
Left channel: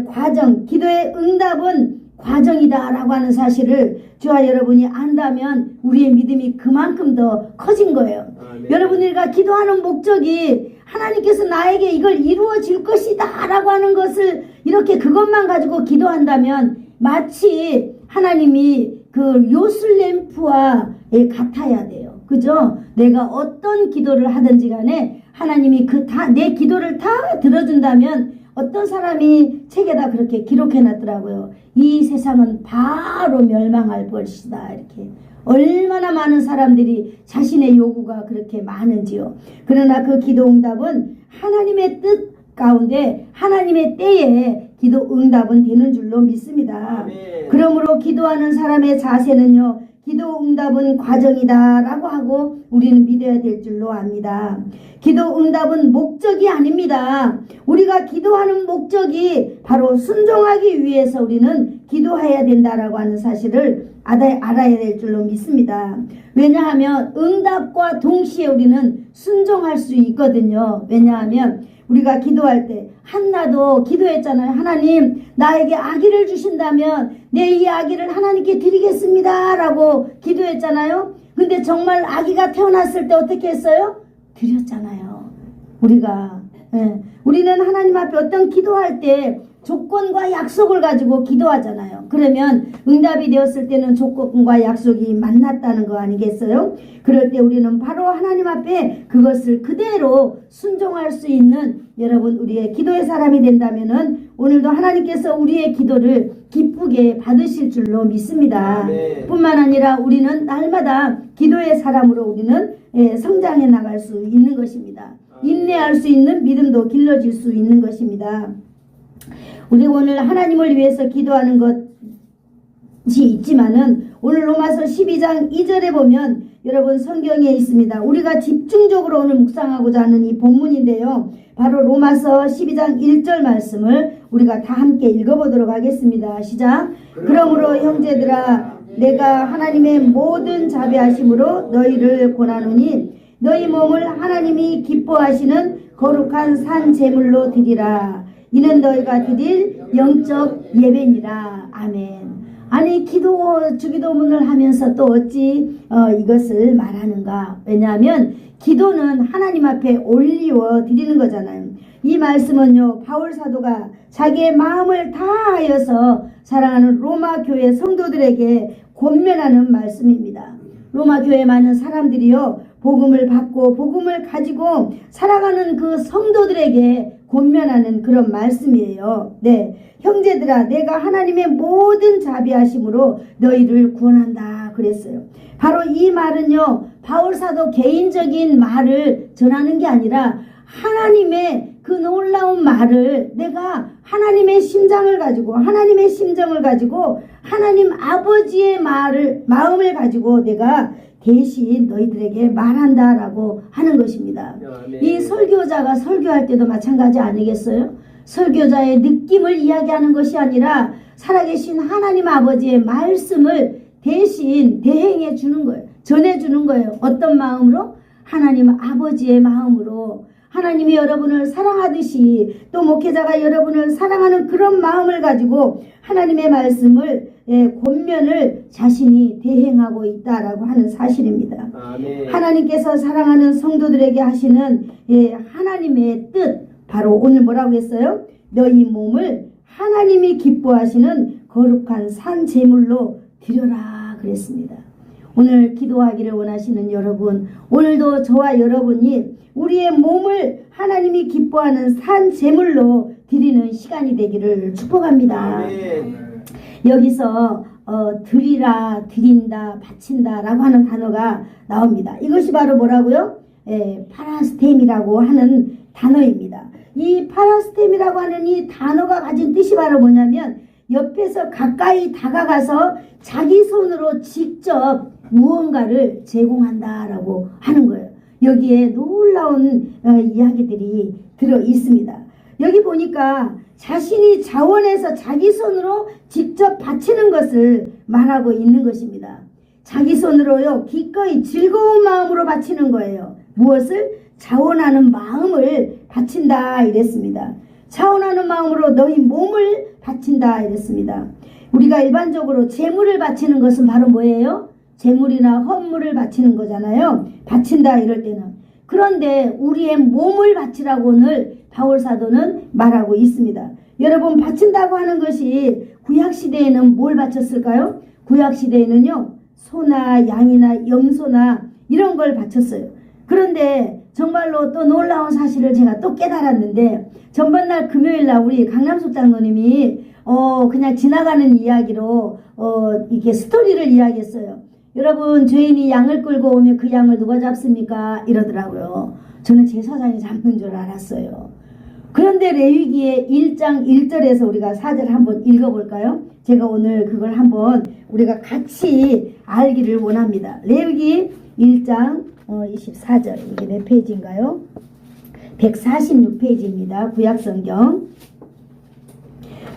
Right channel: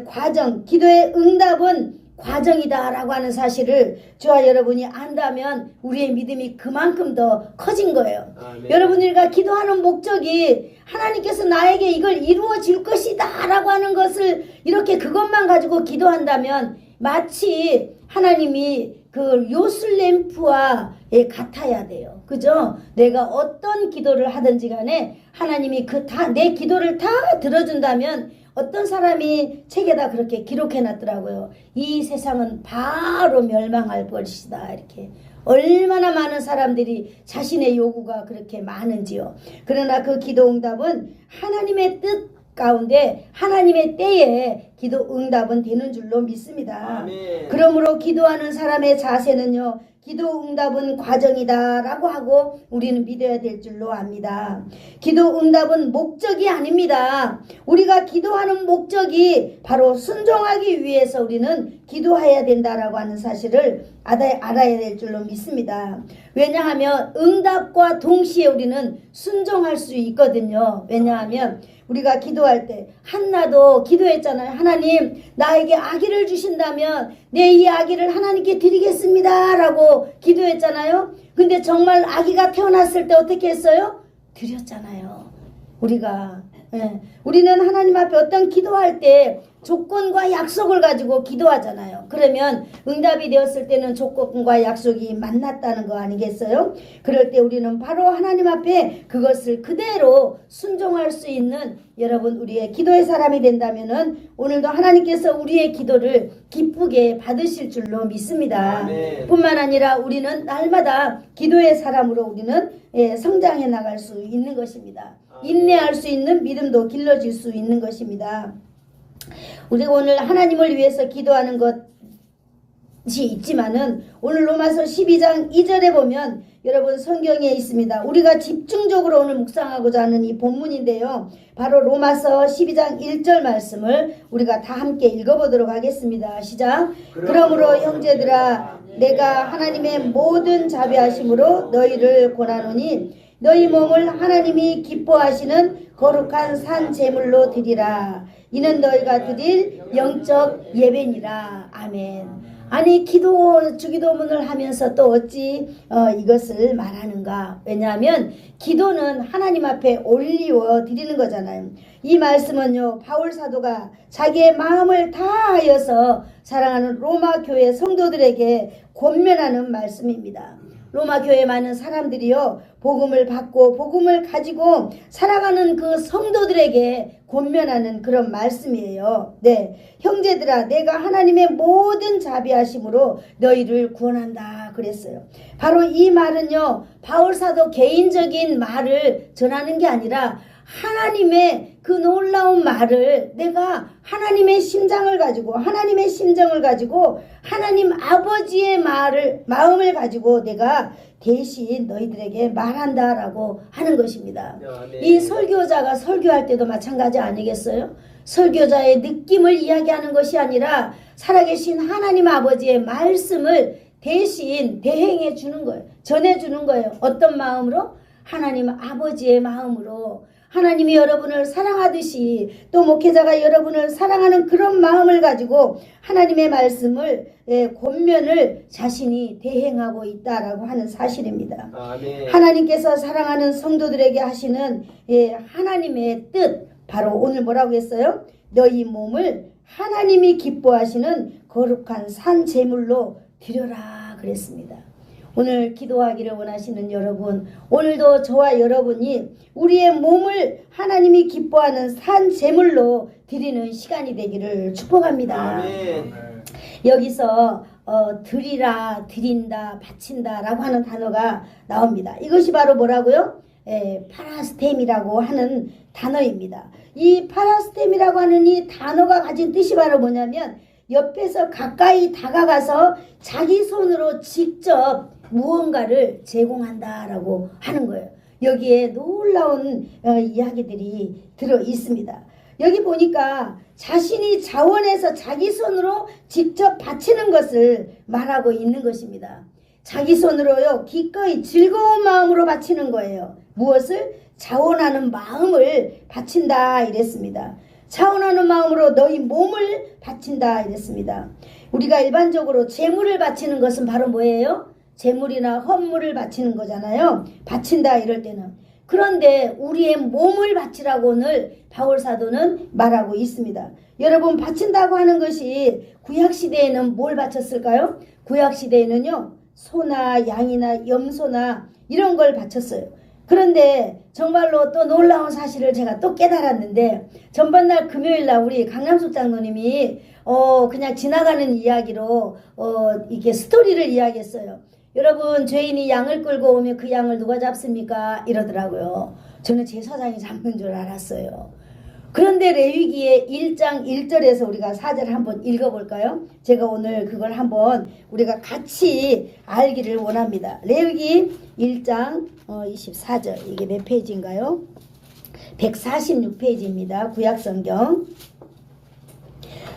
과정, 기도의 응답은 과정이다라고 하는 사실을 저와 여러분이 안다면 우리의 믿음이 그만큼 더 커진 거예요. 아멘. 여러분들과 기도하는 목적이 하나님께서 나에게 이걸 이루어질 것이다 라고 하는 것을 이렇게 그것만 가지고 기도한다면 마치 하나님이 그 요술램프와 같아야 돼요. 그죠? 내가 어떤 기도를 하든지 간에 하나님이 내 기도를 다 들어준다면 어떤 사람이 책에다 그렇게 기록해 놨더라고요. 이 세상은 바로 멸망할 것이다. 이렇게. 얼마나 많은 사람들이 자신의 요구가 그렇게 많은지요. 그러나 그 기도 응답은 하나님의 뜻 가운데 하나님의 때에 기도 응답은 되는 줄로 믿습니다. 아멘. 그러므로 기도하는 사람의 자세는요. 기도 응답은 과정이다 라고 하고 우리는 믿어야 될 줄로 압니다. 기도 응답은 목적이 아닙니다. 우리가 기도하는 목적이 바로 순종하기 위해서 우리는 기도해야 된다라고 하는 사실을 알아야 될 줄로 믿습니다. 왜냐하면 응답과 동시에 우리는 순종할 수 있거든요. 왜냐하면 우리가 기도할 때 한나도 기도했잖아요. 하나님 나에게 아기를 주신다면 내 이 아기를 하나님께 드리겠습니다 라고 기도했잖아요. 근데 정말 아기가 태어났을 때 어떻게 했어요? 드렸잖아요. 우리는 하나님 앞에 어떤 기도할 때 조건과 약속을 가지고 기도하잖아요. 그러면 응답이 되었을 때는 조건과 약속이 만났다는 거 아니겠어요? 그럴 때 우리는 바로 하나님 앞에 그것을 그대로 순종할 수 있는 여러분 우리의 기도의 사람이 된다면은 오늘도 하나님께서 우리의 기도를 기쁘게 받으실 줄로 믿습니다. 네. 뿐만 아니라 우리는 날마다 기도의 사람으로 우리는 성장해 나갈 수 있는 것입니다. 인내할 수 있는 믿음도 길러질 수 있는 것입니다. 우리 오늘 하나님을 위해서 기도하는 것이 있지만은 오늘 로마서 12장 2절에 보면 여러분 성경에 있습니다. 우리가 집중적으로 오늘 묵상하고자 하는 이 본문인데요. 바로 로마서 12장 1절 말씀을 우리가 다 함께 읽어보도록 하겠습니다. 시작. 그러므로 형제들아 내가 하나님의 모든 자비하심으로 너희를 권하노니 너희 몸을 하나님이 기뻐하시는 거룩한 산 제물로 드리라. 이는 너희가 드릴 영적 예배니라. 아멘. 아니 주기도문을 하면서 또 어찌 이것을 말하는가. 왜냐하면 기도는 하나님 앞에 올리워 드리는 거잖아요. 이 말씀은요 바울 사도가 자기의 마음을 다하여서 사랑하는 로마 교회 성도들에게 권면하는 말씀입니다. 로마 교회 많은 사람들이요 복음을 받고 복음을 가지고 살아가는 그 성도들에게 권면하는 그런 말씀이에요. 네, 형제들아 내가 하나님의 모든 자비하심으로 너희를 구원한다 그랬어요. 바로 이 말은요 바울 사도 개인적인 말을 전하는 게 아니라 하나님의 그 놀라운 말을 내가 하나님의 심장을 가지고 하나님의 심정을 가지고 하나님 아버지의 마음을 가지고 내가 대신 너희들에게 말한다라고 하는 것입니다. 이 설교자가 설교할 때도 마찬가지 아니겠어요? 설교자의 느낌을 이야기하는 것이 아니라 살아계신 하나님 아버지의 말씀을 대신 대행해 주는 거예요. 전해 주는 거예요. 어떤 마음으로? 하나님 아버지의 마음으로. 하나님이 여러분을 사랑하듯이 또 목회자가 여러분을 사랑하는 그런 마음을 가지고 하나님의 말씀을 권면을 자신이 대행하고 있다라고 하는 사실입니다. 아멘. 하나님께서 사랑하는 성도들에게 하시는 하나님의 뜻 바로 오늘 뭐라고 했어요? 너희 몸을 하나님이 기뻐하시는 거룩한 산 제물로 드려라 그랬습니다. 오늘 기도하기를 원하시는 여러분, 오늘도 저와 여러분이 우리의 몸을 하나님이 기뻐하는 산 제물로 드리는 시간이 되기를 축복합니다. 아멘. 여기서 드리라, 드린다, 바친다 라고 하는 단어가 나옵니다. 이것이 바로 뭐라고요? 파라스템이라고 하는 단어입니다. 이 파라스템이라고 하는 이 단어가 가진 뜻이 바로 뭐냐면 옆에서 가까이 다가가서 자기 손으로 직접 무언가를 제공한다라고 하는 거예요. 여기에 놀라운 이야기들이 들어 있습니다. 여기 보니까 자신이 자원해서 자기 손으로 직접 바치는 것을 말하고 있는 것입니다. 자기 손으로요, 기꺼이 즐거운 마음으로 바치는 거예요. 무엇을? 자원하는 마음을 바친다 이랬습니다. 자원하는 마음으로 너희 몸을 바친다 이랬습니다. 우리가 일반적으로 재물을 바치는 것은 바로 뭐예요? 재물이나 헌물을 바치는 거잖아요. 바친다 이럴 때는. 그런데 우리의 몸을 바치라고 오늘 바울사도는 말하고 있습니다. 여러분, 바친다고 하는 것이 구약시대에는 뭘 바쳤을까요? 구약시대에는요, 소나 양이나 염소나 이런 걸 바쳤어요. 그런데 정말로 또 놀라운 사실을 제가 또 깨달았는데, 전번날 금요일날 우리 강남숙 장로님이 그냥 지나가는 이야기로 이렇게 스토리를 이야기했어요. 여러분, 죄인이 양을 끌고 오면 그 양을 누가 잡습니까? 이러더라고요. 저는 제사장이 잡는 줄 알았어요. 그런데 레위기의 1장 1절에서 우리가 4절 한번 읽어볼까요? 제가 오늘 그걸 한번 우리가 같이 알기를 원합니다. 레위기 1장 24절, 이게 몇 페이지인가요? 146페이지입니다. 구약성경.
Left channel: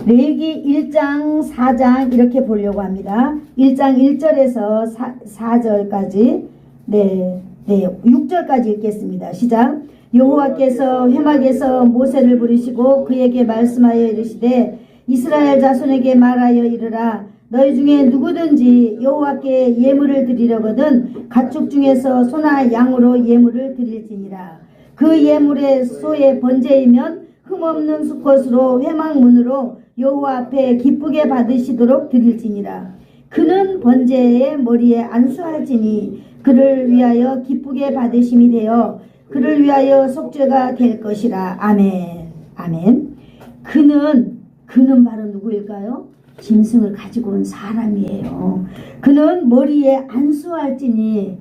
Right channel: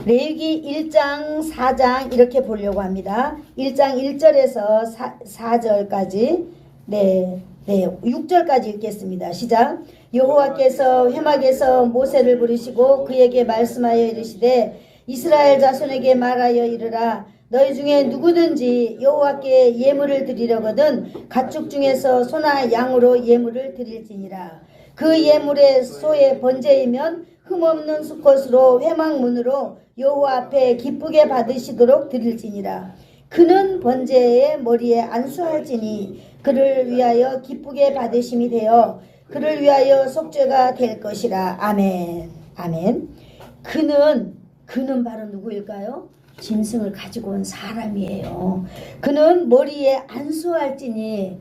레위기 1장 4장 이렇게 보려고 합니다. 1장 1절에서 4절까지 6절까지 읽겠습니다. 시작. 여호와께서 회막에서 모세를 부르시고 그에게 말씀하여 이르시되 이스라엘 자손에게 말하여 이르라. 너희 중에 누구든지 여호와께 예물을 드리려거든 가축 중에서 소나 양으로 예물을 드릴지니라. 그 예물의 소의 번제이면 흠없는 수컷으로 회막문으로 여호와 앞에 기쁘게 받으시도록 드릴지니라. 그는 번제의 머리에 안수할지니 그를 위하여 기쁘게 받으심이 되어 그를 위하여 속죄가 될 것이라. 아멘. 아멘. 그는 바로 누구일까요? 짐승을 가지고 온 사람이에요. 그는 머리에 안수할지니,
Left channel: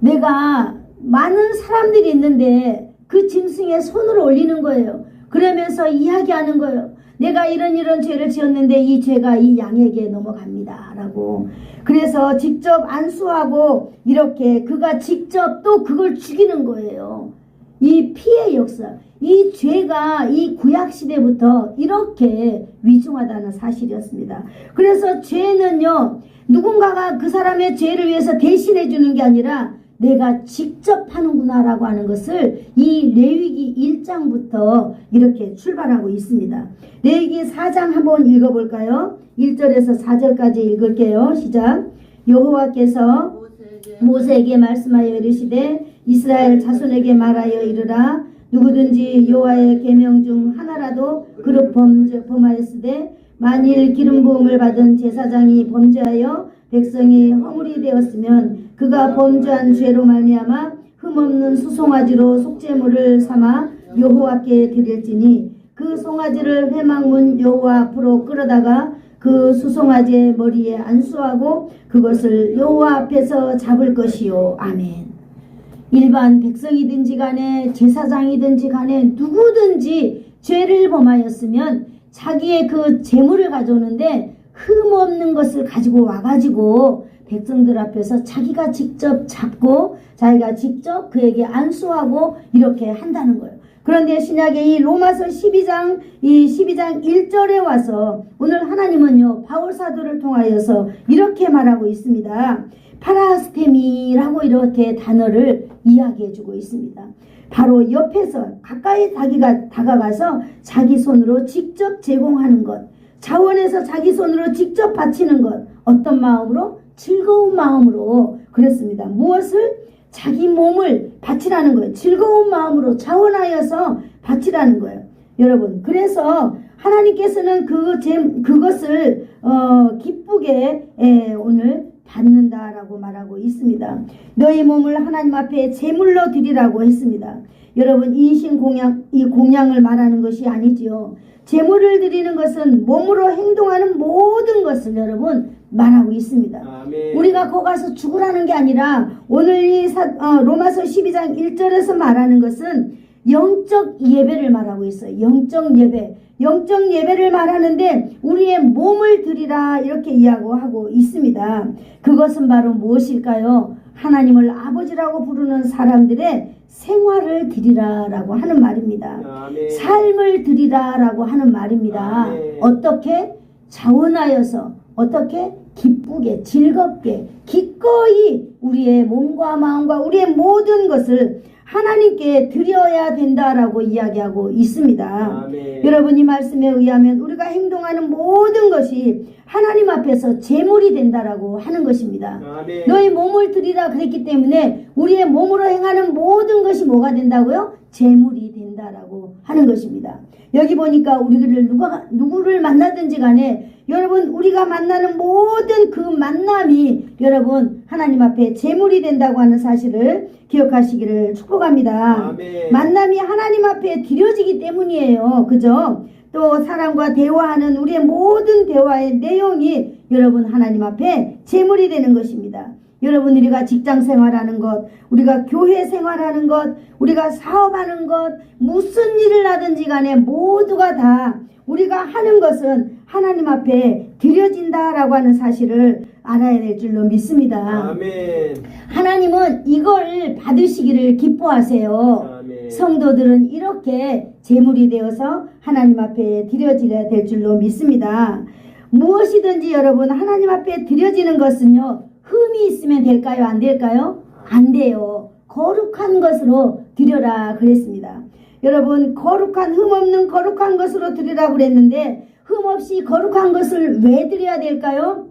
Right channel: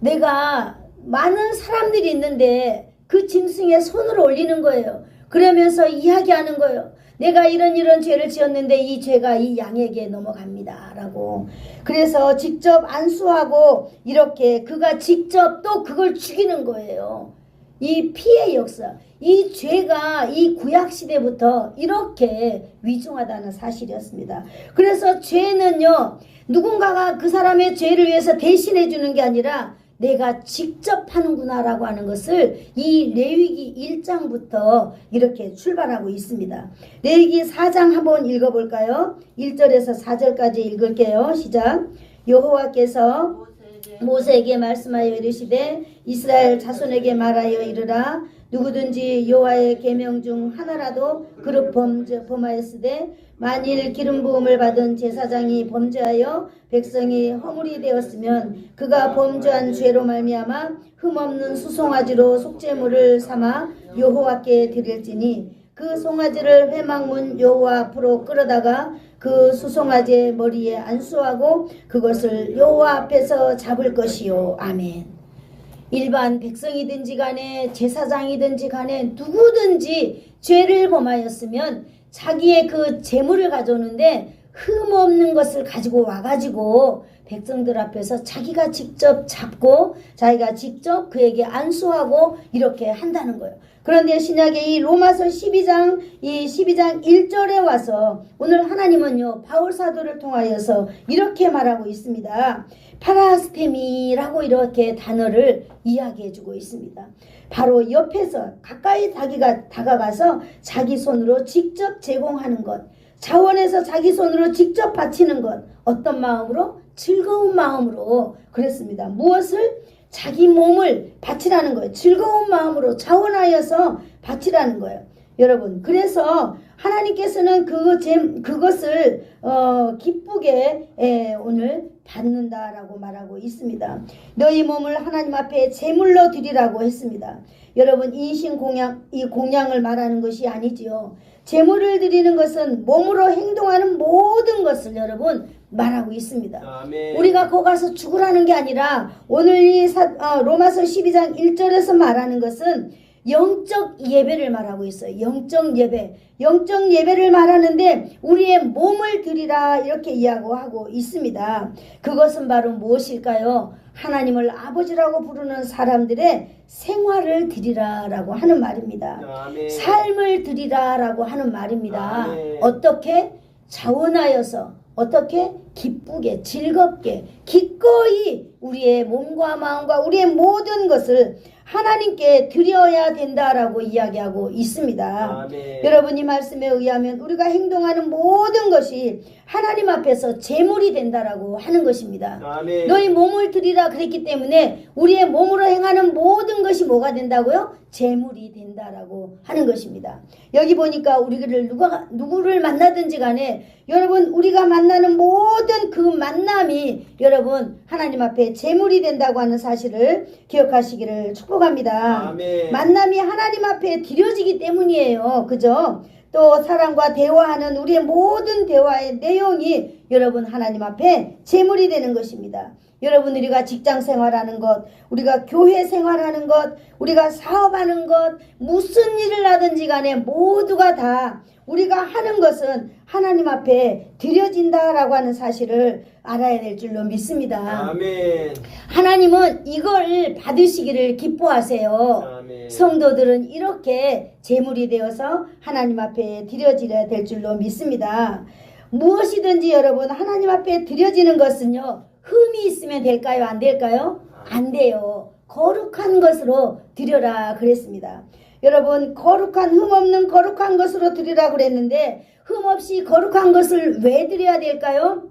내가 많은 사람들이 있는데 그 짐승에 손을 올리는 거예요. 그러면서 이야기하는 거예요. 내가 이런 죄를 지었는데 이 죄가 이 양에게 넘어갑니다 라고. 그래서 직접 안수하고 이렇게 그가 직접 또 그걸 죽이는 거예요. 이 피의 역사, 이 죄가 이 구약시대부터 이렇게 위중하다는 사실이었습니다. 그래서 죄는요, 누군가가 그 사람의 죄를 위해서 대신해 주는 게 아니라 내가 직접 하는구나 라고 하는 것을 이 레위기 1장부터 이렇게 출발하고 있습니다. 레위기 4장 한번 읽어볼까요? 1절에서 4절까지 읽을게요. 시작. 여호와께서 모세에게 말씀하여 이르시되 이스라엘 자손에게 말하여 이르라. 누구든지 여호와의 계명 중 하나라도 그릇 범하였으되 만일 기름 부음을 받은 제사장이 범죄하여 백성이 허물이 되었으면 그가 범죄한 죄로 말미암아 흠없는 수송아지로 속죄물을 삼아 여호와께 드릴지니 그 송아지를 회막문 여호와 앞으로 끌어다가 그 수송아지의 머리에 안수하고 그것을 여호와 앞에서 잡을 것이요. 아멘. 일반 백성이든지 간에 제사장이든지 간에 누구든지 죄를 범하였으면 자기의 그 재물을 가져오는데 흠없는 것을 가지고 와가지고 백성들 앞에서 자기가 직접 잡고 자기가 직접 그에게 안수하고 이렇게 한다는 거예요. 그런데 신약의 이 로마서 12장 1절에 와서 오늘 하나님은요, 바울 사도를 통하여서 이렇게 말하고 있습니다. 파라스테미라고 이렇게 단어를 이야기해주고 있습니다. 바로 옆에서 가까이 자기가 다가가서 자기 손으로 직접 제공하는 것, 자원해서 자기 손으로 직접 바치는 것, 어떤 마음으로? 즐거운 마음으로 그랬습니다. 무엇을? 자기 몸을 바치라는 거예요. 즐거운 마음으로 자원하여서 바치라는 거예요. 여러분, 그래서 하나님께서는 그것을 기쁘게 오늘 받는다라고 말하고 있습니다. 너희 몸을 하나님 앞에 제물로 드리라고 했습니다. 여러분, 이 공양을 말하는 것이 아니지요. 제물을 드리는 것은 몸으로 행동하는 모든 것을 여러분 말하고 있습니다. 아멘. 우리가 거기 가서 죽으라는 게 아니라 오늘 이 로마서 12장 1절에서 말하는 것은 영적 예배를 말하고 있어요. 영적 예배. 영적 예배를 말하는데 우리의 몸을 드리라 이렇게 이야기하고 있습니다. 그것은 바로 무엇일까요? 하나님을 아버지라고 부르는 사람들의 생활을 드리라라고 하는 말입니다. 아멘. 삶을 드리라라고 하는 말입니다. 아멘. 어떻게? 자원하여서 어떻게? 기쁘게 즐겁게 기꺼이 우리의 몸과 마음과 우리의 모든 것을 하나님께 드려야 된다라고 이야기하고 있습니다. 아멘. 여러분, 이 말씀에 의하면 우리가 행동하는 모든 것이 하나님 앞에서 제물이 된다라고 하는 것입니다. 아멘. 너희 몸을 드리라 그랬기 때문에 우리의 몸으로 행하는 모든 것이 뭐가 된다고요? 제물이 된다라고 하는 것입니다. 여기 보니까 우리를 누구를 만나든지 간에 여러분, 우리가 만나는 모든 그 만남이 여러분 하나님 앞에 제물이 된다고 하는 사실을 기억하시기를 축복합니다. 아멘. 만남이 하나님 앞에 드려지기 때문이에요. 그죠? 또 사람과 대화하는 우리의 모든 대화의 내용이 여러분 하나님 앞에 제물이 되는 것입니다. 여러분, 우리가 직장 생활하는 것, 우리가 교회 생활하는 것, 우리가 사업하는 것, 무슨 일을 하든지 간에 모두가 다 우리가 하는 것은 하나님 앞에 드려진다라고 하는 사실을 알아야 될 줄로 믿습니다. 아멘. 하나님은 이걸 받으시기를 기뻐하세요. 아멘. 성도들은 이렇게 제물이 되어서 하나님 앞에 드려져야 될 줄로 믿습니다. 무엇이든지 여러분 하나님 앞에 드려지는 것은요, 흠이 있으면 될까요? 안 될까요? 안 돼요. 거룩한 것으로 드려라 그랬습니다. 여러분, 거룩한 흠 없는 거룩한 것으로 드리라 그랬는데 흠 없이 거룩한 것을 왜 드려야 될까요?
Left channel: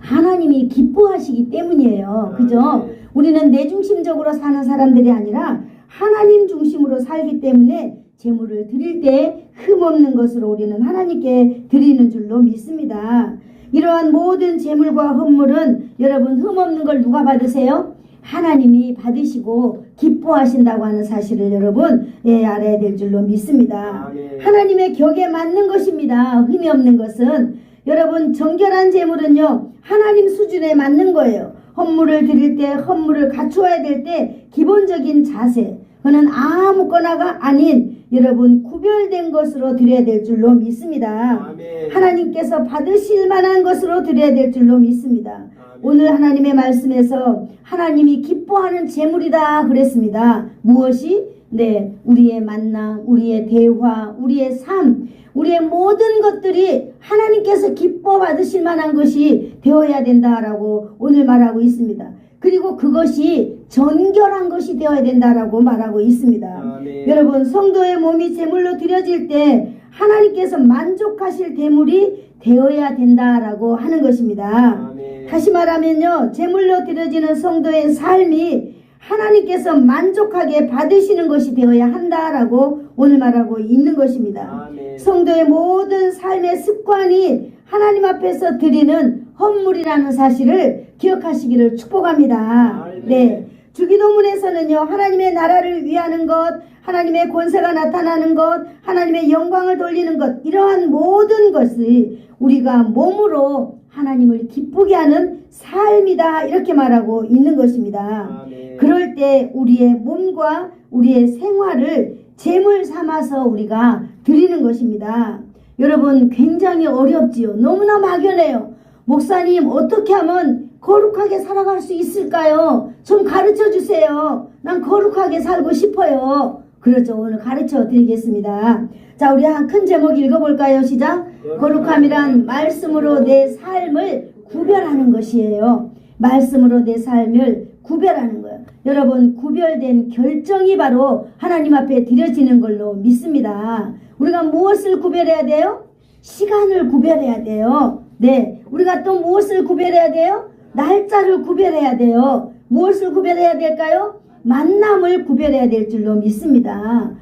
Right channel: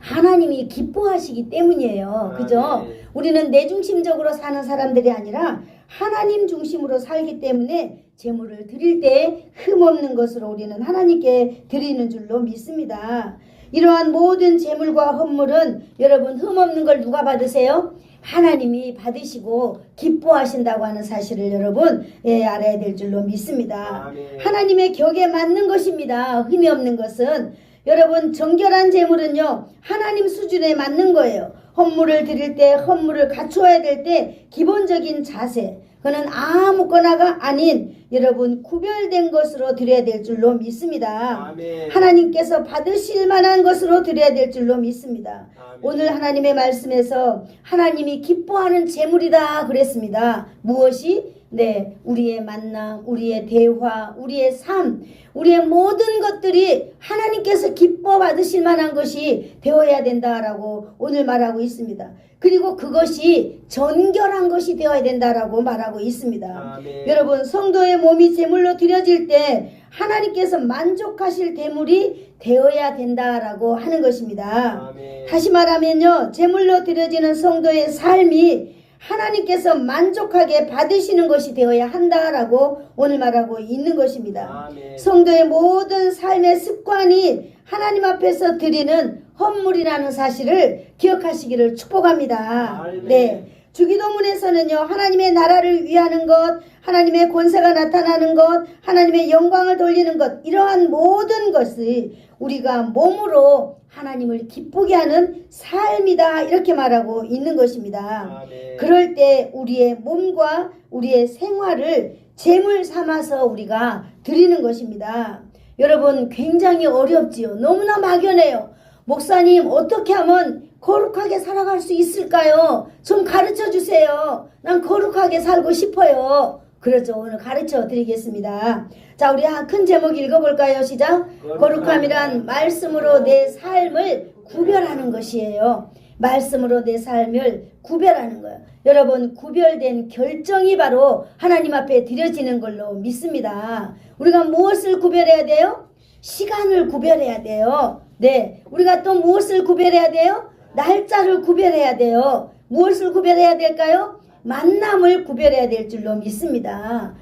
하나님이 기뻐하시기 때문이에요. 그죠? 우리는 내 중심적으로 사는 사람들이 아니라 하나님 중심으로 살기 때문에 제물을 드릴 때 흠없는 것으로 우리는 하나님께 드리는 줄로 믿습니다. 이러한 모든 제물과 헌물은 여러분 흠없는 걸 누가 받으세요? 하나님이 받으시고 기뻐하신다고 하는 사실을 여러분 알아야 될 줄로 믿습니다. 아멘. 하나님의 격에 맞는 것입니다. 흠이 없는 것은 여러분 정결한 제물은요 하나님 수준에 맞는 거예요. 헌물을 드릴 때 헌물을 갖추어야 될 때 기본적인 자세, 그는 아무거나가 아닌 여러분 구별된 것으로 드려야 될 줄로 믿습니다. 아멘. 하나님께서 받으실 만한 것으로 드려야 될 줄로 믿습니다. 아멘. 오늘 하나님의 말씀에서 하나님이 기뻐하는 제물이다 그랬습니다. 무엇이? 네, 우리의 만남, 우리의 대화, 우리의 삶, 우리의 모든 것들이 하나님께서 기뻐 받으실 만한 것이 되어야 된다라고 오늘 말하고 있습니다. 그리고 그것이 정결한 것이 되어야 된다라고 말하고 있습니다. 아멘. 여러분, 성도의 몸이 제물로 드려질 때 하나님께서 만족하실 제물이 되어야 된다라고 하는 것입니다. 아멘. 다시 말하면요, 제물로 드려지는 성도의 삶이 하나님께서 만족하게 받으시는 것이 되어야 한다라고 오늘 말하고 있는 것입니다. 아멘. 성도의 모든 삶의 습관이 하나님 앞에서 드리는 헌물이라는 사실을 기억하시기를 축복합니다. 아멘. 네, 주기도문에서는요, 하나님의 나라를 위하는 것, 하나님의 권세가 나타나는 것, 하나님의 영광을 돌리는 것, 이러한 모든 것이 우리가 몸으로 하나님을 기쁘게 하는 삶이다 이렇게 말하고 있는 것입니다. 아멘. 그럴 때 우리의 몸과 우리의 생활을 제물 삼아서 우리가 드리는 것입니다. 여러분, 굉장히 어렵지요. 너무나 막연해요. 목사님, 어떻게 하면 거룩하게 살아갈 수 있을까요? 좀 가르쳐 주세요. 난 거룩하게 살고 싶어요. 그렇죠. 오늘 가르쳐 드리겠습니다. 자, 우리 한 큰 제목 읽어볼까요? 시작. 거룩함이란 말씀으로 내 삶을 구별하는 것이에요. 말씀으로 내 삶을 구별하는 거예요. 여러분, 구별된 결정이 바로 하나님 앞에 드려지는 걸로 믿습니다. 우리가 무엇을 구별해야 돼요? 시간을 구별해야 돼요. 네, 우리가 또 무엇을 구별해야 돼요? 날짜를 구별해야 돼요. 무엇을 구별해야 될까요? 만남을 구별해야 될 줄로 믿습니다.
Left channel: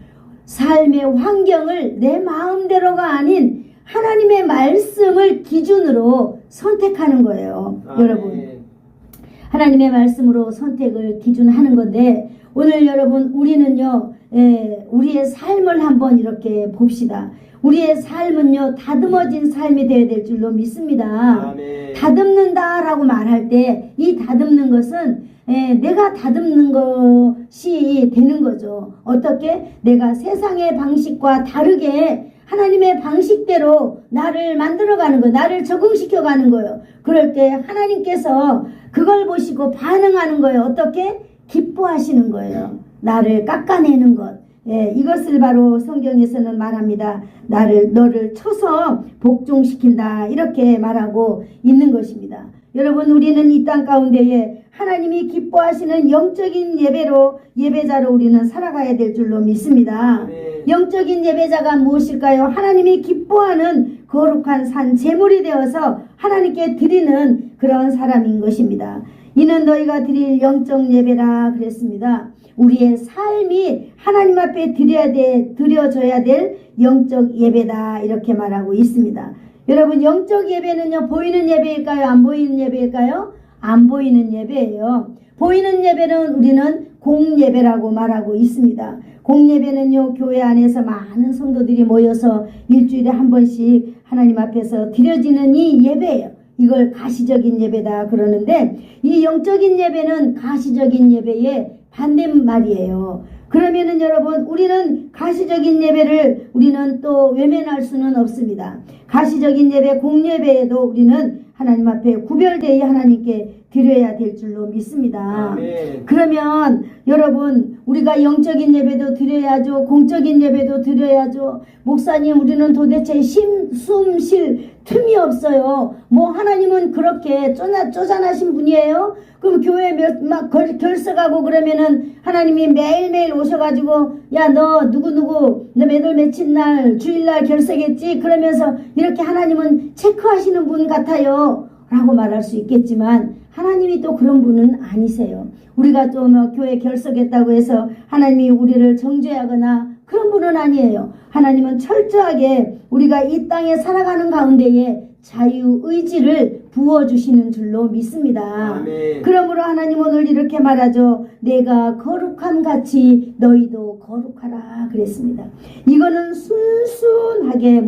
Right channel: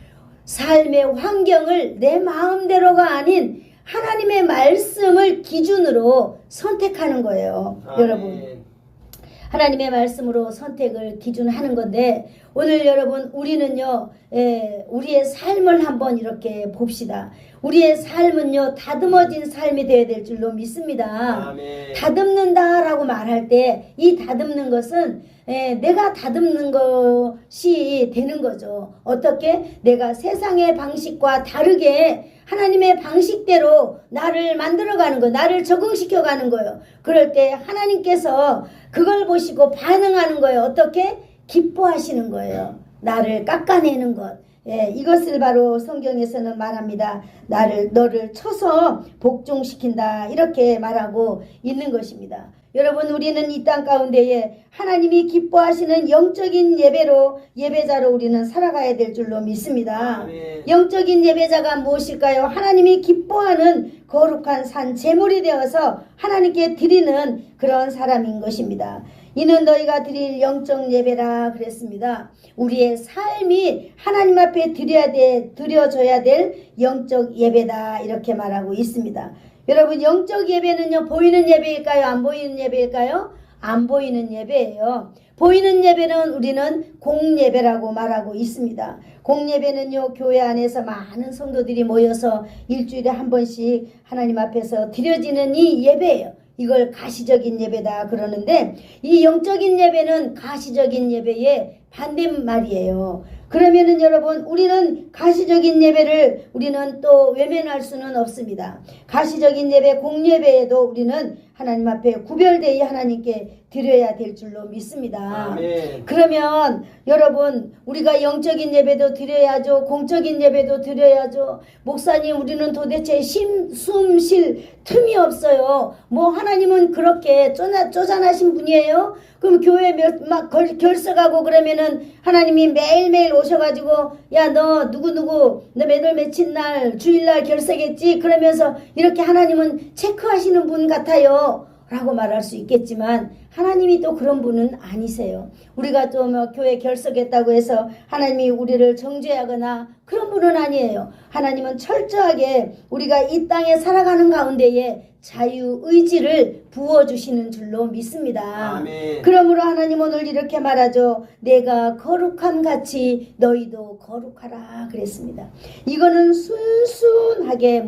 삶의 환경을 내 마음대로가 아닌 하나님의 말씀을 기준으로 선택하는 거예요. 여러분, 하나님의 말씀으로 선택을 기준하는 건데, 오늘 여러분 우리는요, 우리의 삶을 한번 이렇게 봅시다. 우리의 삶은요, 다듬어진 삶이 되어야 될 줄로 믿습니다. 다듬는다라고 말할 때 이 다듬는 것은 내가 다듬는 것이 되는 거죠. 어떻게? 내가 세상의 방식과 다르게 하나님의 방식대로 나를 만들어가는 거예요. 나를 적응시켜가는 거예요. 그럴 때 하나님께서 그걸 보시고 반응하는 거예요. 어떻게? 기뻐하시는 거예요. 나를 깎아내는 것. 이것을 바로 성경에서는 말합니다. 너를 쳐서 복종시킨다, 이렇게 말하고 있는 것입니다. 여러분, 우리는 이 땅 가운데에 하나님이 기뻐하시는 영적인 예배자로 우리는 살아가야 될 줄로 믿습니다. 영적인 예배자가 무엇일까요? 하나님이 기뻐하는 거룩한 산 제물이 되어서 하나님께 드리는 그런 사람인 것입니다. 이는 너희가 드릴 영적 예배라 그랬습니다. 우리의 삶이 하나님 앞에 드려져야 될 영적 예배다, 이렇게 말하고 있습니다. 여러분, 영적 예배는요, 보이는 예배일까요? 안 보이는 예배일까요? 안 보이는 예배예요. 보이는 예배는 우리는 공예배라고 말하고 있습니다. 공예배는요, 교회 안에서 많은 성도들이 모여서 일주일에 한 번씩 하나님 앞에서 드려지는 이 예배예요. 이걸 가시적인 예배다 그러는데, 이 영적인 예배는 가시적인 예배의 반대말이에요. 그러면은 여러분, 우리는 가시적인 예배를 우리는 또 외면할 수는 없습니다. 가시적인 예배, 공예배에도 우리는 하나님 앞에 구별되어 하나님께 드려야 될 줄로 믿습니다. 그러면 여러분, 우리가 영적인 예배도 드려야죠. 공적인 예배도 드려야죠. 목사님, 우리는 도대체 숨 쉴 틈이 없어요. 뭐 하나님은 그렇게 쪼잔하신 분이에요? 그럼 교회 막 결석하고 그러면은 하나님이 매일매일 오셔가지고, 야, 너 누구누구 너 몇월 며칠 날 주일날 결석했지? 그러면서 이렇게 하나님은 체크하시는 분 같아요 라고 말할 수 있겠지만, 하나님이 또 그런 분은 아니세요. 우리가 좀 교회 결석했다고 해서 하나님이 우리를 정죄하거나 그런 분은 아니에요. 하나님은 철저하게 우리가 이 땅에 살아가는 가운데에 자유의지를 부어주시는 줄로 믿습니다. 아멘. 그러므로 하나님 오늘 이렇게 말하죠. 내가 거룩함 같이 너희도 거룩하라 그랬습니다. 이거는 순순하게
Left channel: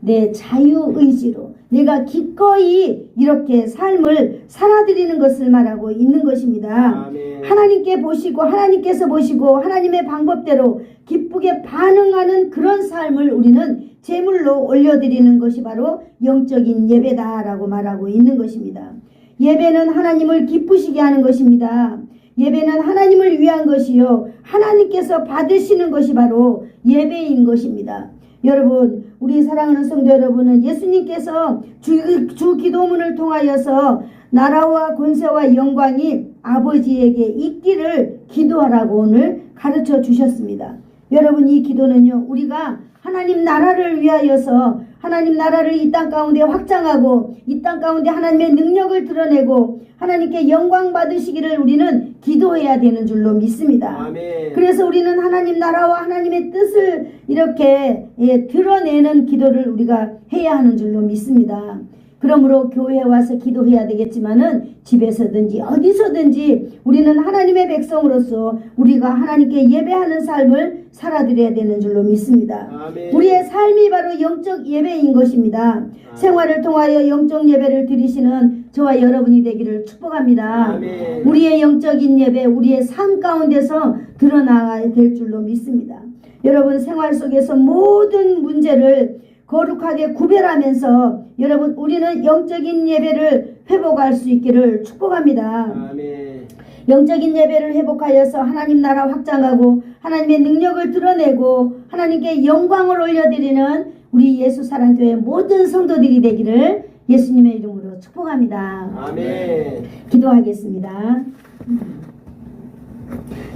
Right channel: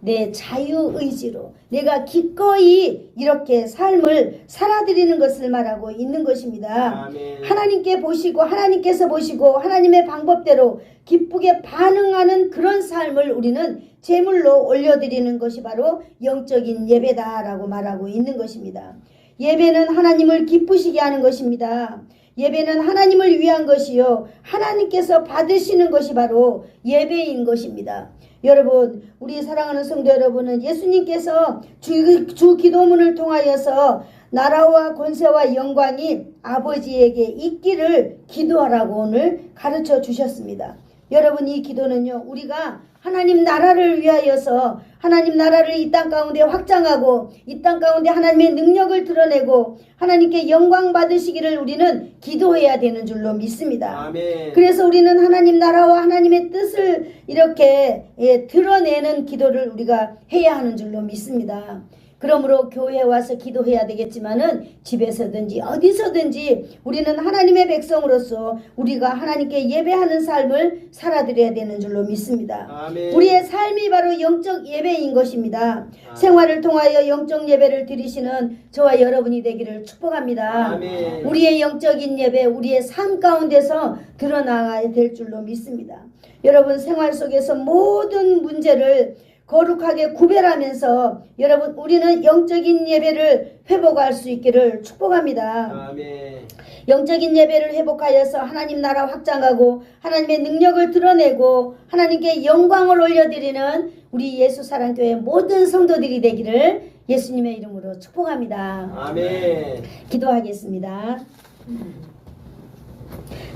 내 자유의지로 내가 기꺼이 이렇게 삶을 살아드리는 것을 말하고 있는 것입니다. 아멘. 하나님께 보시고 하나님께서 보시고 하나님의 방법대로 기쁘게 반응하는 그런 삶을 우리는 제물로 올려드리는 것이 바로 영적인 예배다라고 말하고 있는 것입니다. 예배는 하나님을 기쁘시게 하는 것입니다. 예배는 하나님을 위한 것이요, 하나님께서 받으시는 것이 바로 예배인 것입니다. 여러분, 우리 사랑하는 성도 여러분은 예수님께서 주 기도문을 통하여서 나라와 권세와 영광이 아버지에게 있기를 기도하라고 오늘 가르쳐 주셨습니다. 여러분, 이 기도는요, 우리가 하나님 나라를 위하여서 하나님 나라를 이 땅 가운데 확장하고 이 땅 가운데 하나님의 능력을 드러내고 하나님께 영광 받으시기를 우리는 기도해야 되는 줄로 믿습니다. 아멘. 그래서 우리는 하나님 나라와 하나님의 뜻을 이렇게 드러내는 기도를 우리가 해야 하는 줄로 믿습니다. 그러므로 교회에 와서 기도해야 되겠지만은 집에서든지 어디서든지 우리는 하나님의 백성으로서 우리가 하나님께 예배하는 삶을 살아드려야 되는 줄로 믿습니다. 아멘. 우리의 삶이 바로 영적 예배인 것입니다. 생활을 통하여 영적 예배를 드리시는 저와 여러분이 되기를 축복합니다. 아멘. 우리의 영적인 예배, 우리의 삶 가운데서 드러나야 될 줄로 믿습니다. 여러분, 생활 속에서 모든 문제를 거룩하게 구별하면서 여러분, 우리는 영적인 예배를 회복할 수 있기를 축복합니다. 아멘. 영적인 예배를 회복하여서 하나님 나라 확장하고 하나님의 능력을 드러내고 하나님께 영광을 올려드리는 우리 예수사랑교회 모든 성도들이 되기를 예수님의 이름으로 축복합니다. 아멘. 기도하겠습니다.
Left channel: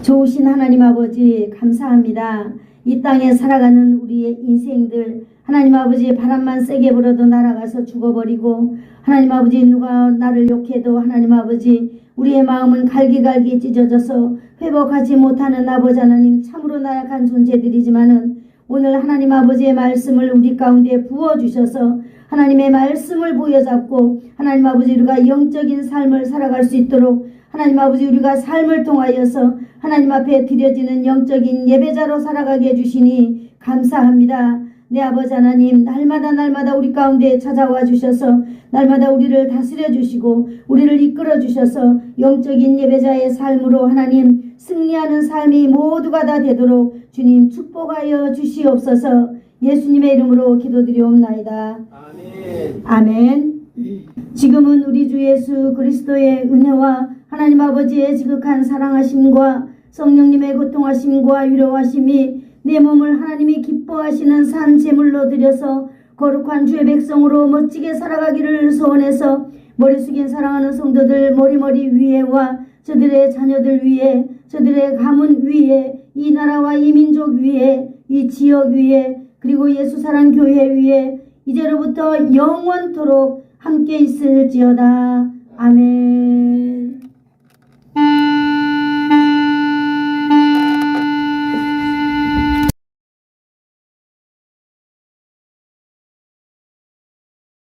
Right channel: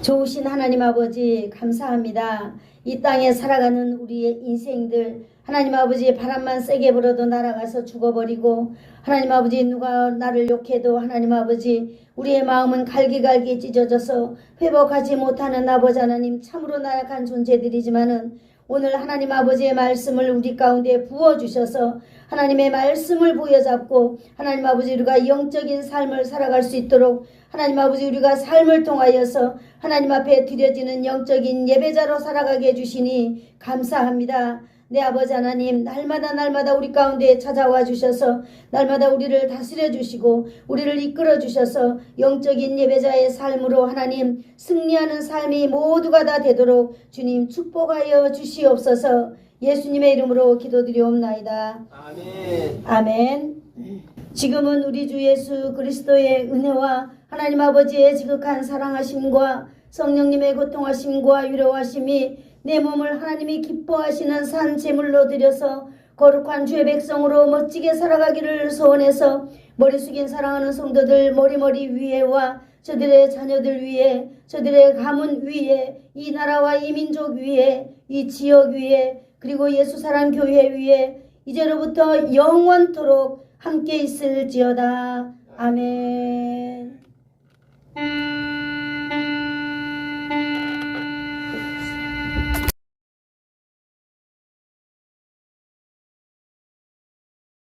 좋으신 하나님 아버지, 감사합니다. 이 땅에 살아가는 우리의 인생들, 하나님 아버지, 바람만 세게 불어도 날아가서 죽어버리고, 하나님 아버지, 누가 나를 욕해도 하나님 아버지 우리의 마음은 갈기갈기 찢어져서 회복하지 못하는 아버지 하나님, 참으로 나약한 존재들이지만은 오늘 하나님 아버지의 말씀을 우리 가운데 부어주셔서 하나님의 말씀을 부여잡고 하나님 아버지 우리가 영적인 삶을 살아갈 수 있도록 하나님 아버지 우리가 삶을 통하여서 하나님 앞에 드려지는 영적인 예배자로 살아가게 해주시니 감사합니다. 내 아버지 하나님, 날마다 우리 가운데 찾아와 주셔서 날마다 우리를 다스려 주시고 우리를 이끌어 주셔서 영적인 예배자의 삶으로 하나님 승리하는 삶이 모두가 다 되도록 주님 축복하여 주시옵소서. 예수님의 이름으로 기도드리옵나이다. 아멘. 아멘. 지금은 우리 주 예수 그리스도의 은혜와 하나님 아버지의 지극한 사랑하심과 성령님의 고통하심과 위로하심이 내 몸을 하나님이 기뻐하시는 산 제물로 드려서 거룩한 주의 백성으로 멋지게 살아가기를 소원해서 머리 숙인 사랑하는 성도들 머리 위에와 저들의 자녀들 위에, 저들의 가문 위에, 이 나라와 이 민족 위에, 이 지역 위에, 그리고 예수사랑 교회 위에 이제로부터 영원토록 함께 있을지어다. 아멘.